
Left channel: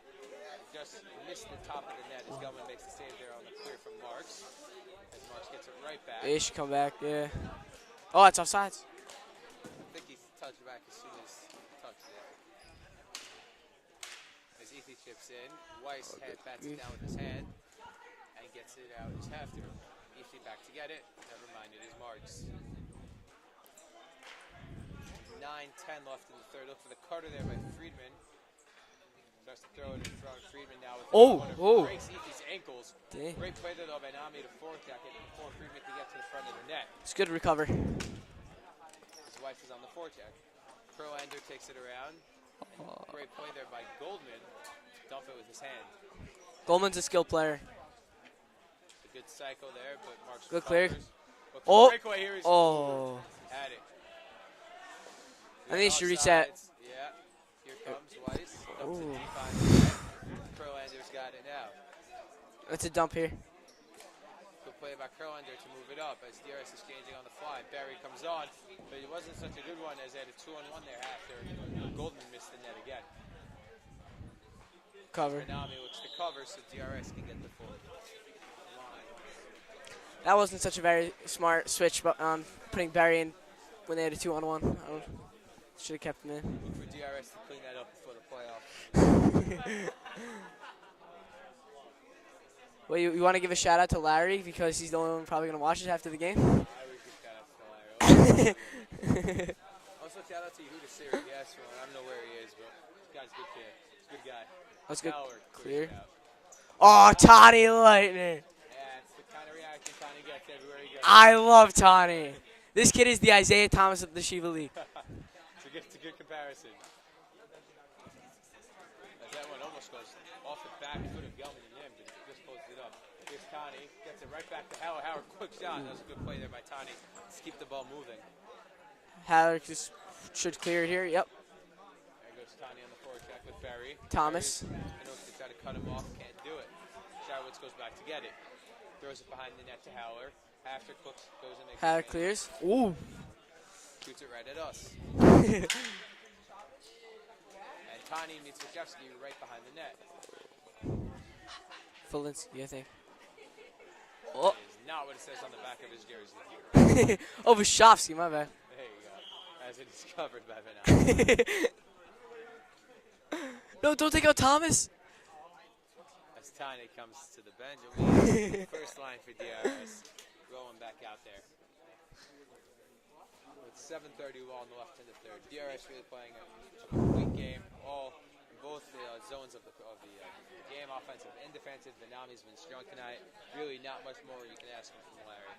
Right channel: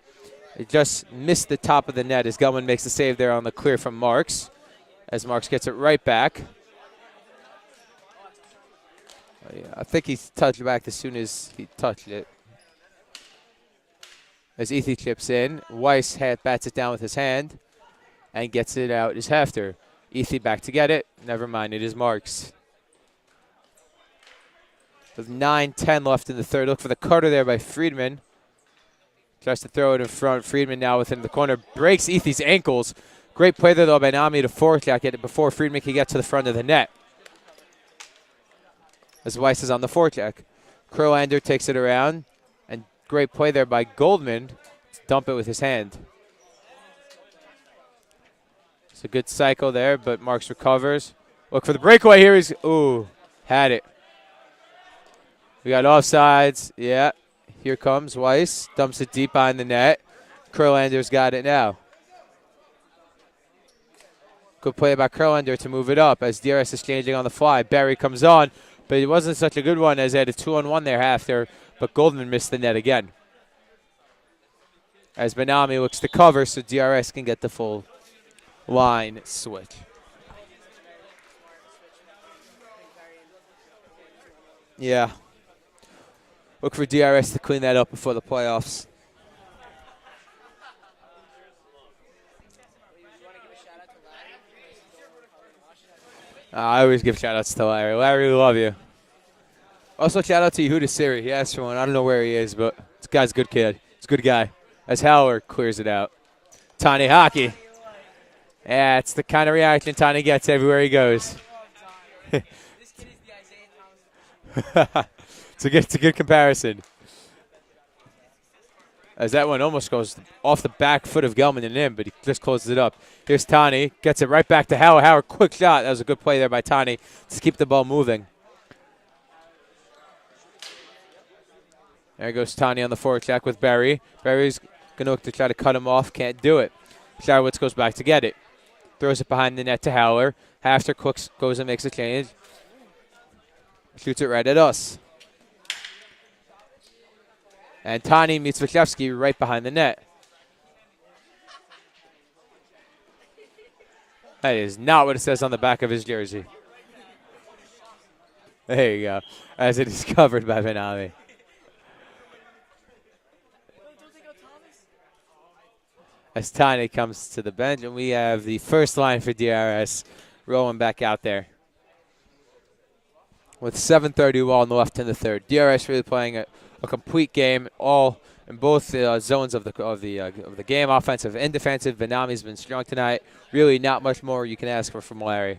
It just missed the top of the net as Gelman makes the save there on the clear from Marks. As Marks gets it right back. He should come back, yeah. Oh, it's offsides. Yeah, I think he touched back as soon as he touched it. As Ethy chips in, Weiss bats it down with his hand and gets it out as HAFTR. Ethy back to get it. Never mind, it is Marks. With 9:10 left in the third. Look for the cutter there by Friedman. Tries to throw it in front. Friedman now within the corner. Breaks Ethy's ankles. Great play there, though, by Nami to forecheck it before Friedman can get to the front of the net. It's good recover. As Weiss is on the forecheck. Kurlander takes it around. And great play there by Goldman to dump it with his hand. Goldman's a skilled player. It's a good cycle there, but Marks Look recovers. Look for the breakaway here. He's, Oh. ooh, had it. We got Nice reset. offsides. Yeah. Here comes Weiss. Dumps it deep behind the net. Kurlander's got it now. That's a dump here. Good play by Kurlander to move it up as DRS is changing on the fly. Barry comes on, but it wasn't such a good one as they had a 2-on-1 there after, but Goldman missed the net again. As Benami looks to cover so DRS can get the full line switch. That wasn't such a very smart switch, but putting Barry in when they had a 2-on-1. Yeah. Should have kept him in. Look for DRS to clean that up before the playoffs. Well, you want to give a shout out to Larry because he's the only one probably going to watch it after the game? I always give shout outs to Larry. Larry, we love you. Also, shout out to Yehuda Siri. He asked for one. I don't know where he is, but this guy's a good kid. He's a good guy. As Howler clears it out. Tani Hockey. Tani Lightning. Yeah, it's the kind of reaction Tani gets everywhere he goes. I love Tani. This kid is the Isaiah Thomas of the Shiva League. It's a good comparison. As that one almost goes off the back foot of Gelman and in, but he just closes it up. Here's Tani. Gets it right back to Howard. Howard, quick shot. That was a good play there by Tani to keep the ball moving. Howard should clear it here. Yep. There goes Tani on the forecheck with Barry. Thomas. Barry's going to look to try to cut him off. Can't do it. Sharowitz goes back to get it. Throws it behind the net to Howler. HAFTR goes and makes a change. Clears. Ooh. Shoots it right at us. And Tani meets Wachowski right behind the net. Fulinski, I think. That is not what it says on the back of his jersey. Oh, Vashovsky, my bad. There you go. As it is covered by Benami. No, don't take out Thomas. As Tani comes to the bench, and we have the first line for DRS rolling back out there. With 7:30 on the left in the third. DRS really playing a complete game, all in both zones of the game, offensive and defensive. Benami's been strong tonight. Really, not much more you can ask for from Larry.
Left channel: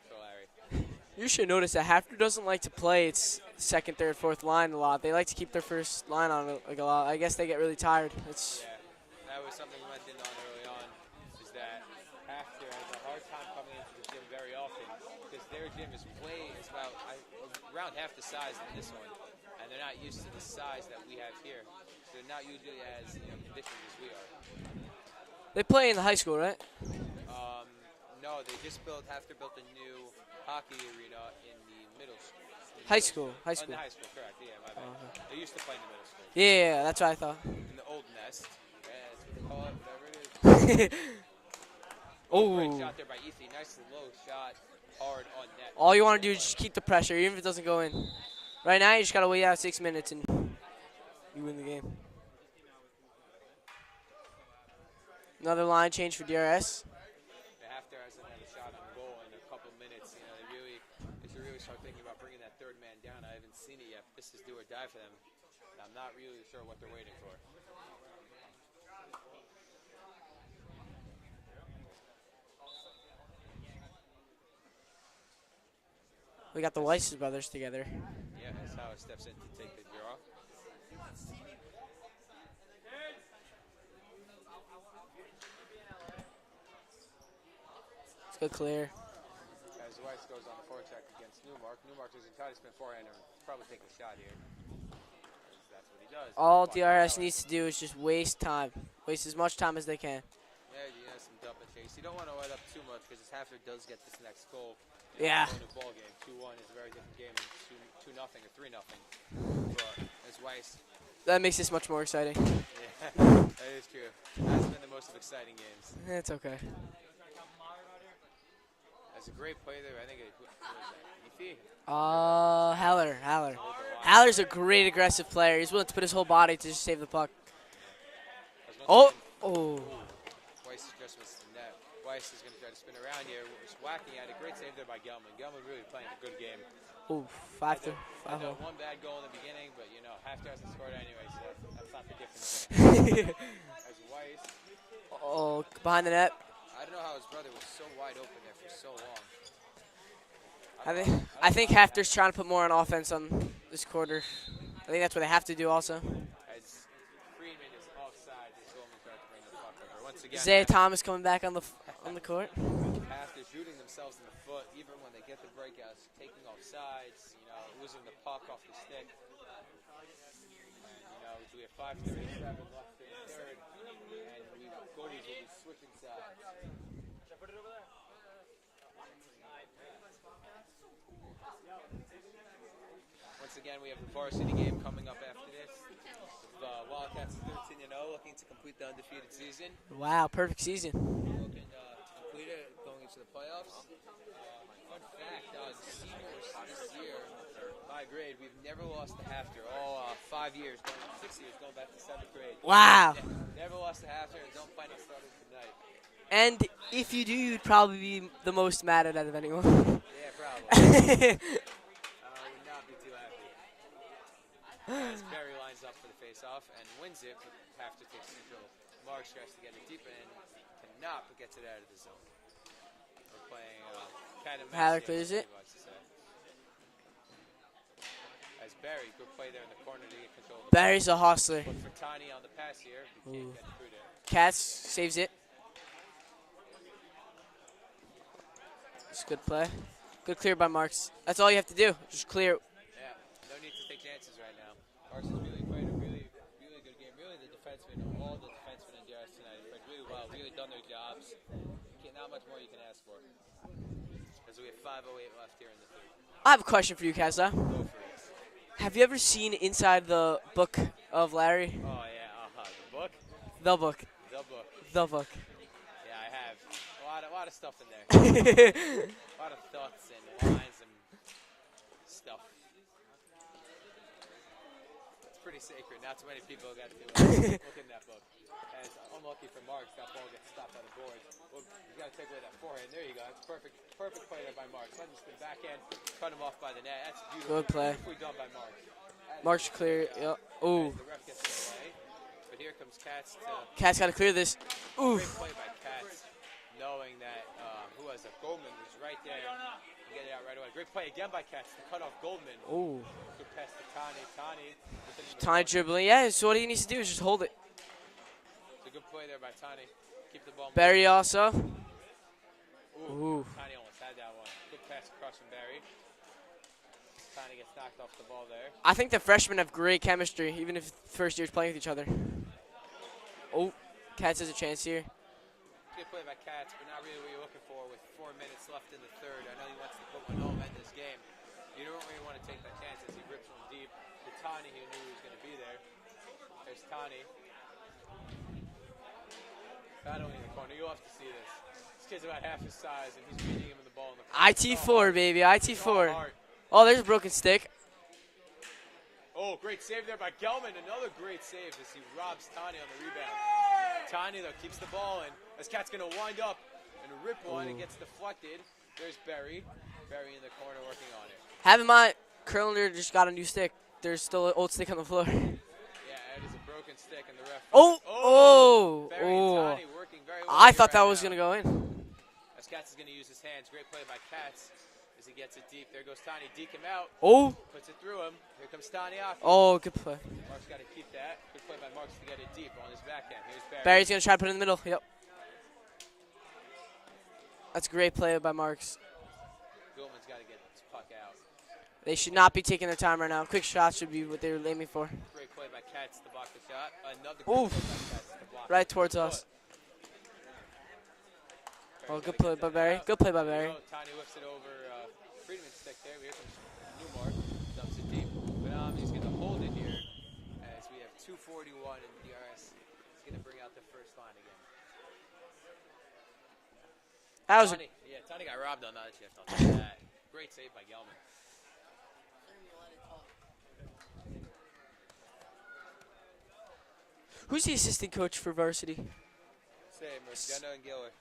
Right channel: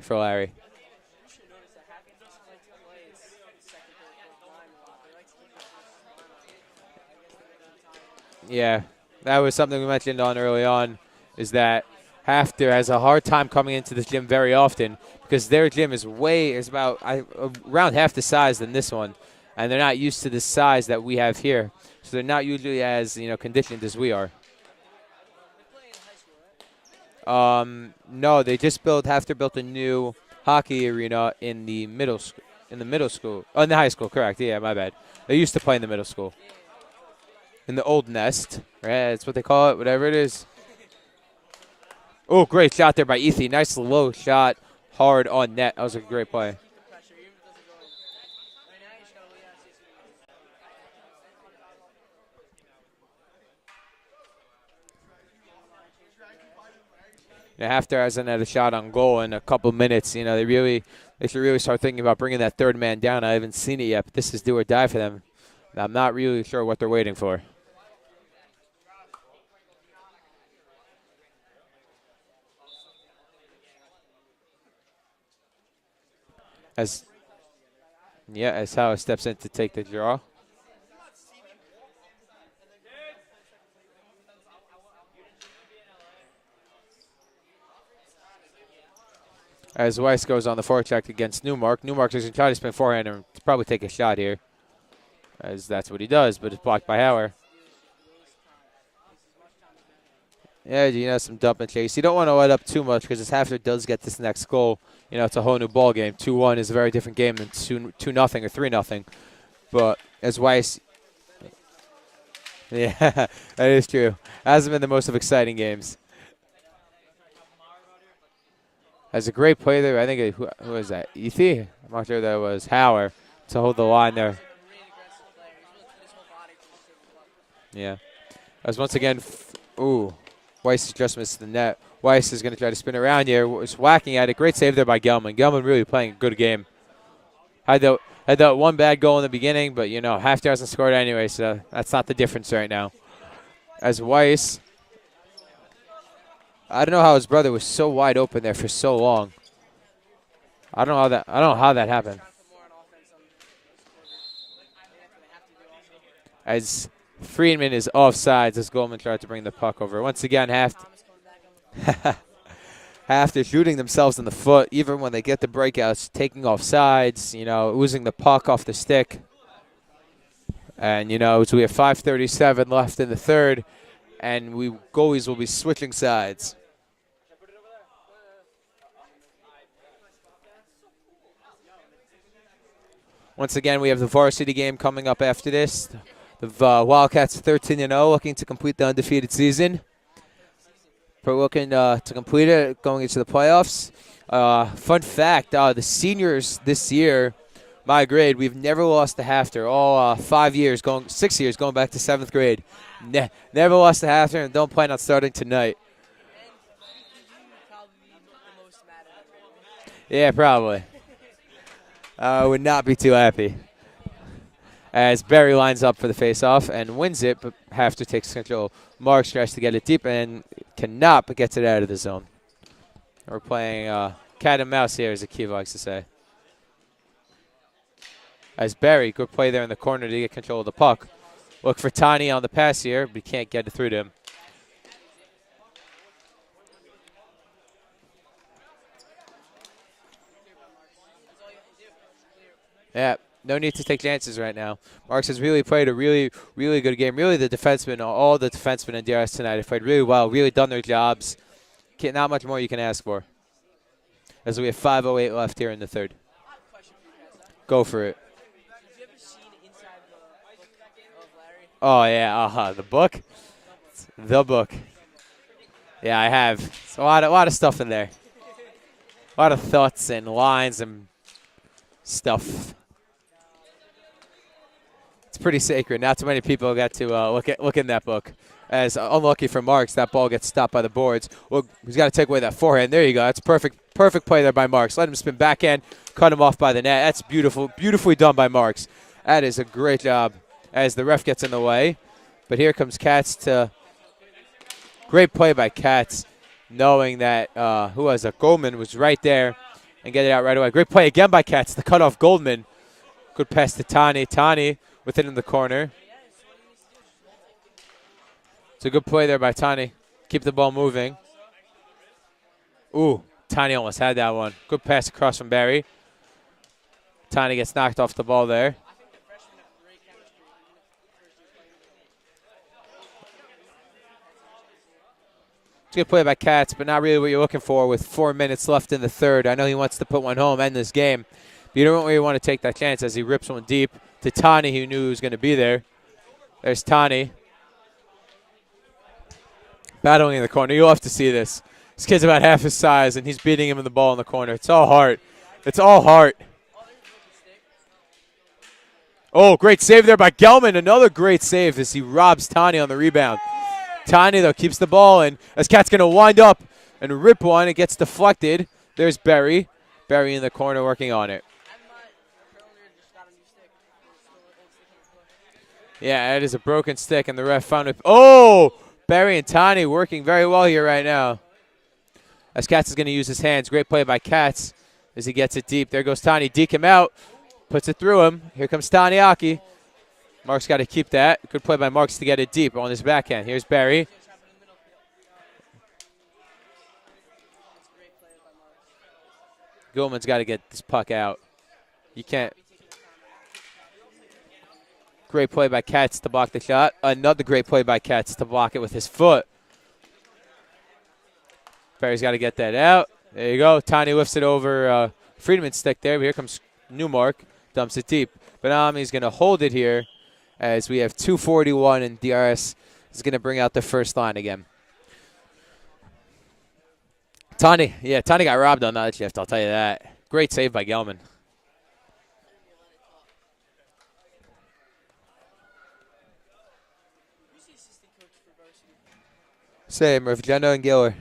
You should notice that HAFTR doesn't like to play its second, third, fourth line a lot. They like to keep their first line on like a lot. I guess they get really tired. Yeah, that was something we mentioned on early on, is that HAFTR has a hard time coming into this gym very often because their gym is about around half the size than this one, and they're not used to the size that we have here, so they're not usually as conditioned as we are. They play in the high school, right? No, they just HAFTR built a new hockey arena in the middle school. In the middle school. Oh, in the high school, correct. Yeah, my bad. They used to play in the middle school. Yeah, that's what I thought. In the old nest, right? That's what they call it, whatever it is. Oh, great shot there by Ethy. Nice low shot, hard on net. That All was you a want to great do play. is just keep the pressure, even if it doesn't go in. Right now, you just got to wait out 6 minutes and you win the game. Another line change for DRS. We got the Weiss brothers together. Yeah, as Howard steps in to take the draw. Good clear. As Weiss goes on the forecheck against Newmark. Newmark is going to try to spin forehand and probably take a shot here, as that's what he does, but it's blocked by All DRS Howard. needs to do is just waste time. Waste as much time as they can. Yeah, some dump and chase. You don't want to let up too much because if HAFTR does get this next goal, it's a whole new ball game. 2-1 is a very different game than 2-0 or 3-0. But as Weiss... That makes this much more exciting. Yeah, that is true. Hasn't been the most of exciting games. It's okay. Has a great play there. I think who was that? Ethy? I'm not sure that was Howard to hold the line Howard's there. a great aggressive player. He's willing to put his whole body to just save the puck. Yeah. As once again, ooh, Weiss has just missed the net. Weiss is going to try to spin around here. Was whacking at it. Great save there by Gelman. Gelman really playing a good game. Ooh, Had that one bad goal in the beginning, but, you know, HAFTR hasn't scored anyway, so that's not the difference right now. As Weiss, Oh, behind the net. I don't know how his brother was so wide open there for so long. I don't know how that. I don't know how that I think HAFTR's happened. trying to put more on offense on this quarter. I think that's what they have to do also. As Friedman is offsides, as Goldman tried to bring the puck over. Once again, Sam Thomas coming back on the court. after shooting themselves in the foot, even when they get the breakouts, taking off sides, you know, oozing the puck off the stick. And, you know, so we have 5:37 left in the third, and we goalies will be switching sides. Once again, we have the varsity game coming up after this. The Wildcats 13-0, looking to complete the undefeated season. Wow, perfect season. We're looking to complete it, going into the playoffs. Fun fact, the seniors this year, my grade, we've never lost to HAFTR. All 6 years, going back to 7th grade. Wow. Never lost to HAFTR, and don't plan on starting tonight. And if you do, you'd probably be the most mad at out of anyone. Yeah, probably. I would not be too happy. As Barry lines up for the face-off and wins it, but HAFTR takes control. Marks tries to get it deep and cannot, but gets it out of the zone. We're playing cat and mouse here, as Akiva likes to say. As Barry, good play there in the corner to get control of the puck. Barry's a hustler. Look for Tani on the pass here, but he can't get it through to him. Cats saves it. It's a good play. Good clear by Marks. That's all you have to do. Just clear. Yeah, no need to take chances right now. Marks has really played a really good game. Really, the defensemen, all the defensemen in DRS tonight have played really well, really done their jobs. Not much more you can ask for. As we have 5:08 left here in the third. I have a question for you, Kazza. Go for it. Have you ever seen inside the book of Larry? Oh, yeah, the book? The book. The book. The book. Yeah, I have. It's a lot of stuff in there. A lot of thoughts and lines and stuff. It's pretty sacred. Not too many people got to look in that book. As unlucky for Marks, that ball gets stopped by the boards. Well, he's got to take away that forehand. There you go. That's perfect play there by Marks. Let him spin backhand, cut him off by the net. That's beautiful, beautifully done by Marks. That is a great job as the ref gets in the way. But here comes Katz to. Katz got to clear this. Oof. Great play by Katz, knowing that Goldman was right there and get it out right away. Great play again by Katz to cut off Goldman. Ooh. Good pass to Tani. Tani within the corner. Dribbling. Yeah, so what he needs to do is just hold it. It's a good play there by Tani. Keep the ball moving. Barry also. Ooh, Tani almost had that one. Good pass across from Barry. Tani gets knocked off the ball there. I think the freshmen have great chemistry, even if first years playing with each other. Oh, Katz has a chance here. It's a good play by Katz, but not really what you're looking for with 4 minutes left in the third. I know he wants to put one home, end this game. But you don't really want to take that chance as he rips one deep to Tani, who knew he was going to be there. There's Tani. Battling in the corner. You'll have to see this. This kid's about half his size, and he's beating him in the ball in the corner. It's all heart. Baby. It's all heart. Oh, there's a broken stick. Oh, great save there by Gelman. Another great save as he robs Tani on the rebound. Tani, though, keeps the ball, and as Kat's going to wind up and rip one, it gets deflected. There's Barry. Barry in the corner working on it. Have in mind, Curlander just got a new stick. There's still an old stick on the floor. Yeah, it is a broken stick, and the ref found it. Oh! Barry and Tani working very well here right now. Was gonna go in. As Katz is going to use his hands. Great play by Katz as he gets it deep. There goes Tani. Deke him out. Oh! Puts it through him. Here comes Taniaki. Oh, good play. Mark's got to keep that. Good play by Marks to get it deep on his backhand. Here's Barry. Barry's going to try to put it in the middle. Yep. That's a great play by Marks. Gilman's got to get this puck out. They should not be taking their time right now. Quick shots should be what they were aiming for. Great play by Katz to block the shot. Another great play by Katz to block it with his towards foot. Barry's got to get that out. Good play by There you go. Tani lifts it over Friedman's stick there. But here comes Newmark. Dumps it deep. Benami's going to hold it here as we have 2:41 and DRS is going to bring out the first line again. Tani got robbed on that shift, I'll tell you that. Great save by Gelman. Who's the assistant coach for varsity? Same, Rivgena and Giller.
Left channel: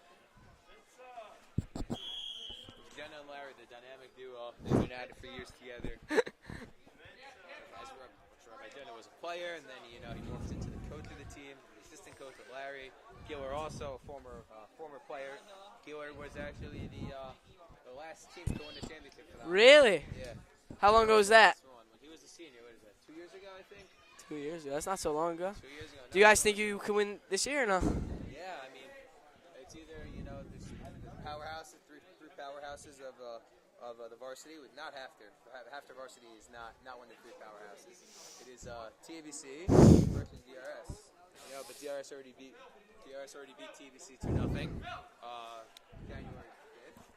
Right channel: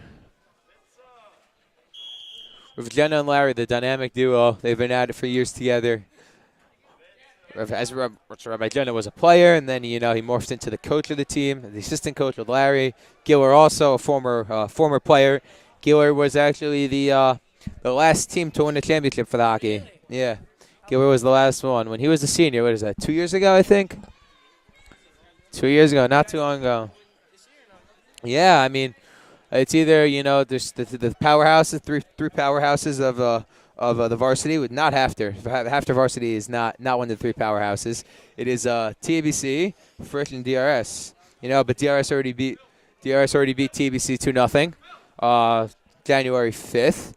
Rivgena and Larry, the dynamic duo. They've been at it for years together. as Rabbi Jenna was a player, and then, he morphed into the coach of the team, the assistant coach with Larry. Giller also a former player. Giller was actually the last team to win a championship for the hockey. Really? Yeah. How Giller long was ago the was that? last one. When he was a senior, what is that, 2 years ago, I think? 2 years ago. That's not so long ago. 2 years ago, not you guys too long think ago. you can win this year or no? Yeah, I mean, it's either, there's the powerhouses, three powerhouses of the varsity, with not HAFTR. HAFTR varsity is not one of the three powerhouses. It is TBC, Frisch, and DRS. But DRS already beat TBC 2-0. January 5th.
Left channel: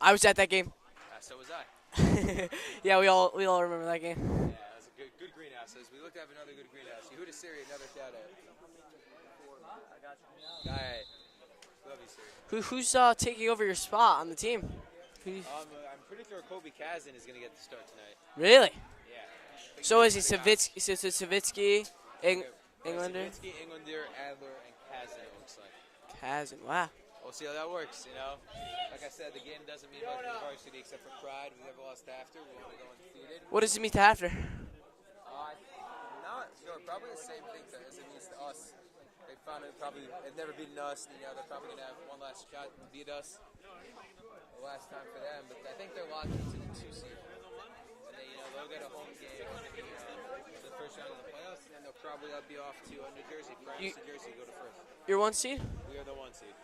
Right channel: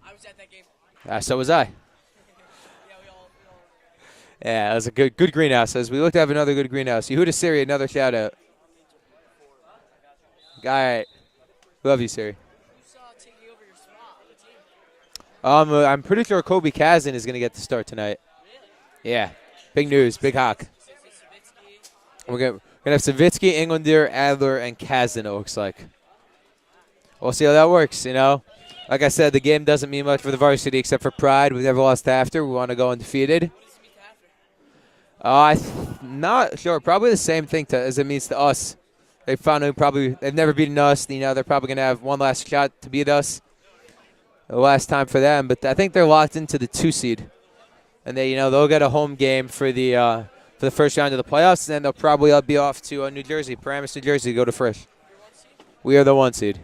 I was at that game. So was I. Yeah, we all remember that game. Yeah, it was a good greenhouse. As we look to have another good greenhouse. Yehuda Siri, another shout out. All right. Love you, Siri. Who's taking over your spot on the team? I'm pretty sure Kobe Kazan is going to get the start tonight. Really? Yeah. Big So news, is it big hawk. So it's Savitsky. We're going to have Savitsky, Englander, Adler, and Kazan, it looks like. Kazan, wow. We'll see how that works, Like I said, the game doesn't mean much for the varsity except for pride. We've never lost after. We want to go undefeated. What does it mean to after? I'm not sure. Probably the same thing as it means to us. They've never beaten us. They're probably going to have one last shot to beat us. The last time for them. But I think they're locked into the 2 seed. And they'll get a home game for the first round of the playoffs. And then they'll probably be off to New Jersey, Paramus, New Jersey, to go to Frisch. You're 1 seed? We are the 1 seed.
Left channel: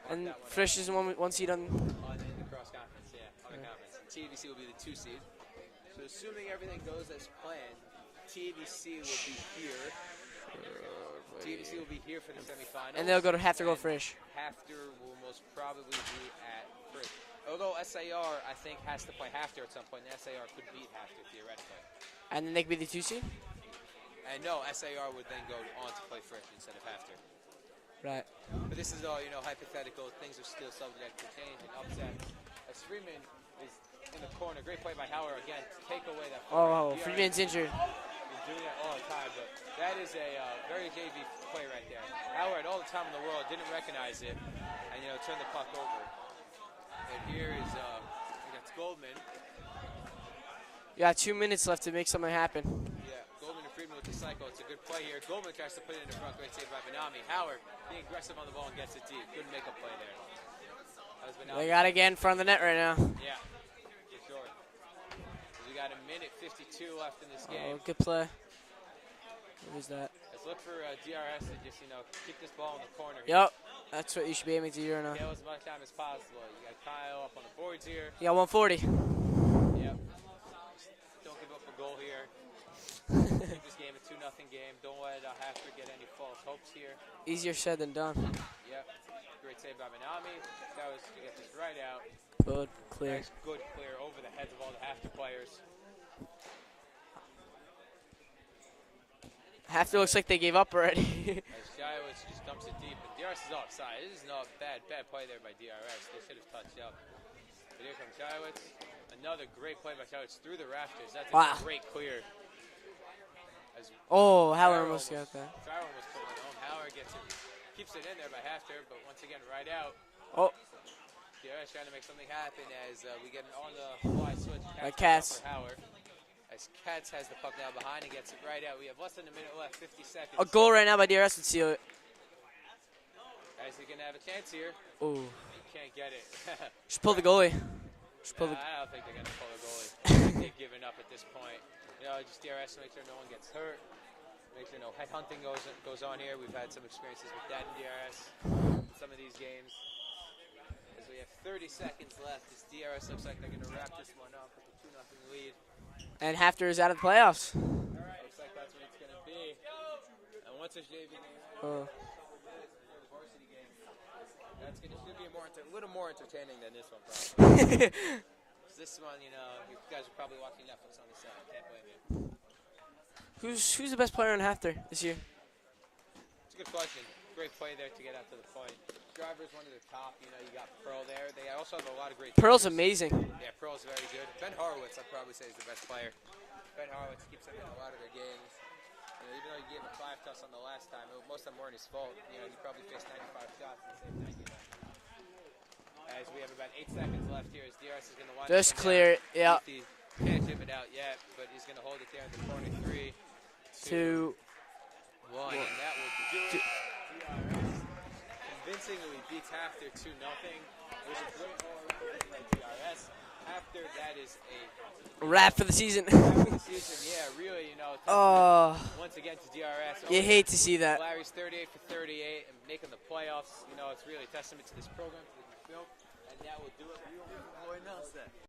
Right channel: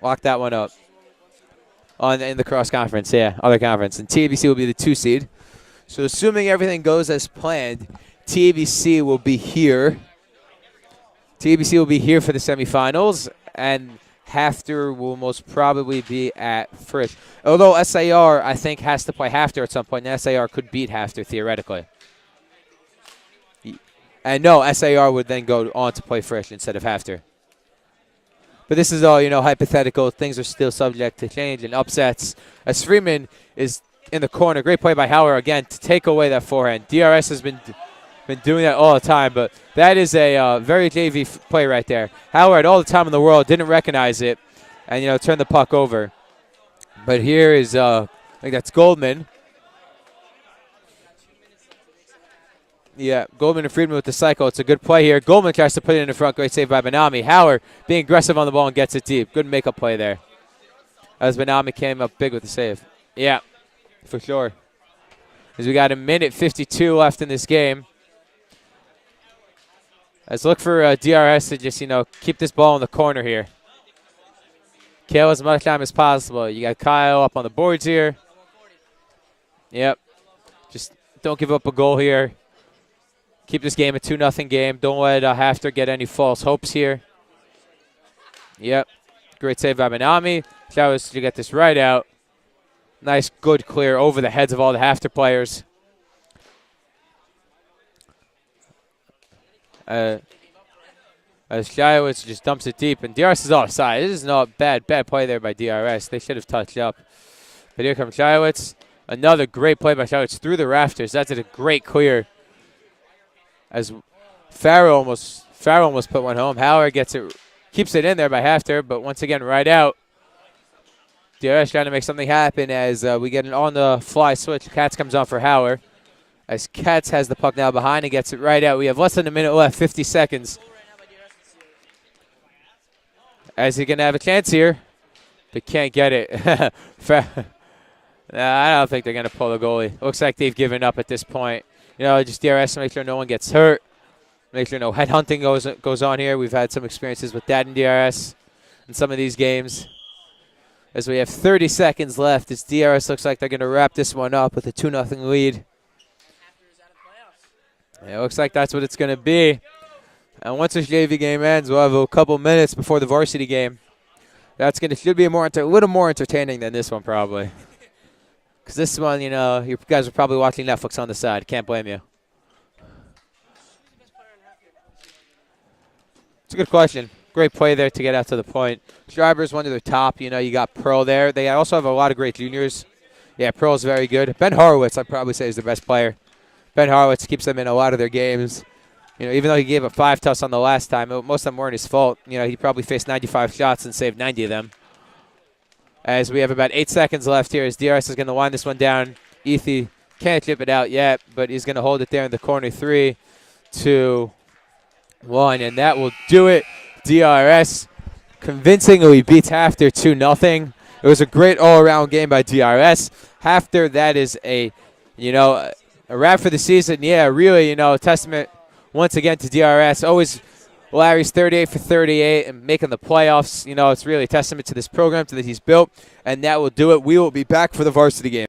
Lock that one up. Frisch is one seed on. In the cross conference, yeah, other conference. And TABC will be the 2 seed. So assuming everything goes as planned, TABC will be here. TABC will be here for the semifinals. And HAFTR will most probably be at Frisch. Although SAR, I think, has to play HAFTR at some point. And SAR could beat HAFTR theoretically. And then they could be the 2 seed? And no, SAR would then go on to play Frisch instead of HAFTR. Right. But this is all, hypothetical. Things are still subject to change and upsets. As Freeman is in the corner. Great play by Howard again to take away that forehand. DRS has been doing that all the time, but that is a very JV play right there. Howard, all the time in the world, didn't recognize it and, turned the puck over. But here is, I think that's Goldman. You got 2 minutes left to make something happen. Yeah, Goldman and Friedman with the cycle. It's a good play here. Goldman tries to put it in the front. Great save by Benami. Howard being aggressive on the ball and gets it deep. Good makeup play there. As Benami came up big with the save. Yeah, for sure. As we got 1:52 left in this game. Good play. What was that? Let's look for DRS to just, keep this ball in the corner here. Yep. That's what you should be aiming to do right now. Kill as much time as possible. You got Kyle up on the boards here. You got 140. Yep. Just don't give up a goal here. Keep this game a 2-0 game. Don't let HAFTR get any false hopes here. Easier said than done. Yep. Great save by Benami. Showers to get this right out. Good. Nice, good clear over the heads of all the HAFTR players. HAFTR looks like they gave up already. As Showers just dumps it deep, and DRS is offside. This is not bad play there by DRS. They should have touched up. But here comes Showitz. Another great play by Showitz through the rafters. That's a great clear. As Farrell almost put one home. Howard gets it, keeps it in there by HAFTR, but once again right out. DRS trying to make something happen as we get an on-the-fly switch. Katz comes on for Howard. As Katz has the puck now behind and gets it right out. We have less than a minute left, 50 seconds. A goal right now by DRS would seal it. As he's going to have a chance here, but can't get it. Just pull the goalie. I don't think they're going to pull the goalie. Looks like they've given up at this point. Just DRS to make sure no one gets hurt. Make sure no headhunting goes on here. We've had some experiences with that in DRS in some of these games. As we have 30 seconds left, this DRS looks like they're going to wrap this one up with a 2-0 lead. And HAFTR is out of the playoffs. Yeah, it looks like that's what it's going to be. And once this JV game ends, we'll have a couple minutes before the varsity game. That's should be a little more entertaining than this one probably. Because this one, you guys are probably watching Netflix on the side. Can't blame you. Who's the best player in HAFTR this year? It's a good question. Great play there to get out to the point. Schreiber's one of their top. You got Pearl there. They also have a lot of great juniors. Pearl's amazing. Yeah, Pearl's very good. Ben Horowitz, I'd probably say, is the best player. Ben Horowitz keeps them in a lot of their games. Even though he gave up 5 toughs on the last time, most of them weren't his fault. He probably faced 95 shots and saved 90 of them. As we have about 8 seconds left here, as DRS is going to wind this one down. Yeah. Ethi Can't chip it out yet, but he's going to hold it there in the corner. 3, 2, 1, and that will do it. DRS convincingly beats HAFTR 2-0. It was a great all-around game by DRS. HAFTR, that is a, Wrap for the season. wrap for the season. Yeah, really, testament once again to DRS. Always, I hate to see that. Larry's 38 for 38 and making the playoffs. It's really a testament to this program that he's built, and that will do it. We will be back for the varsity game.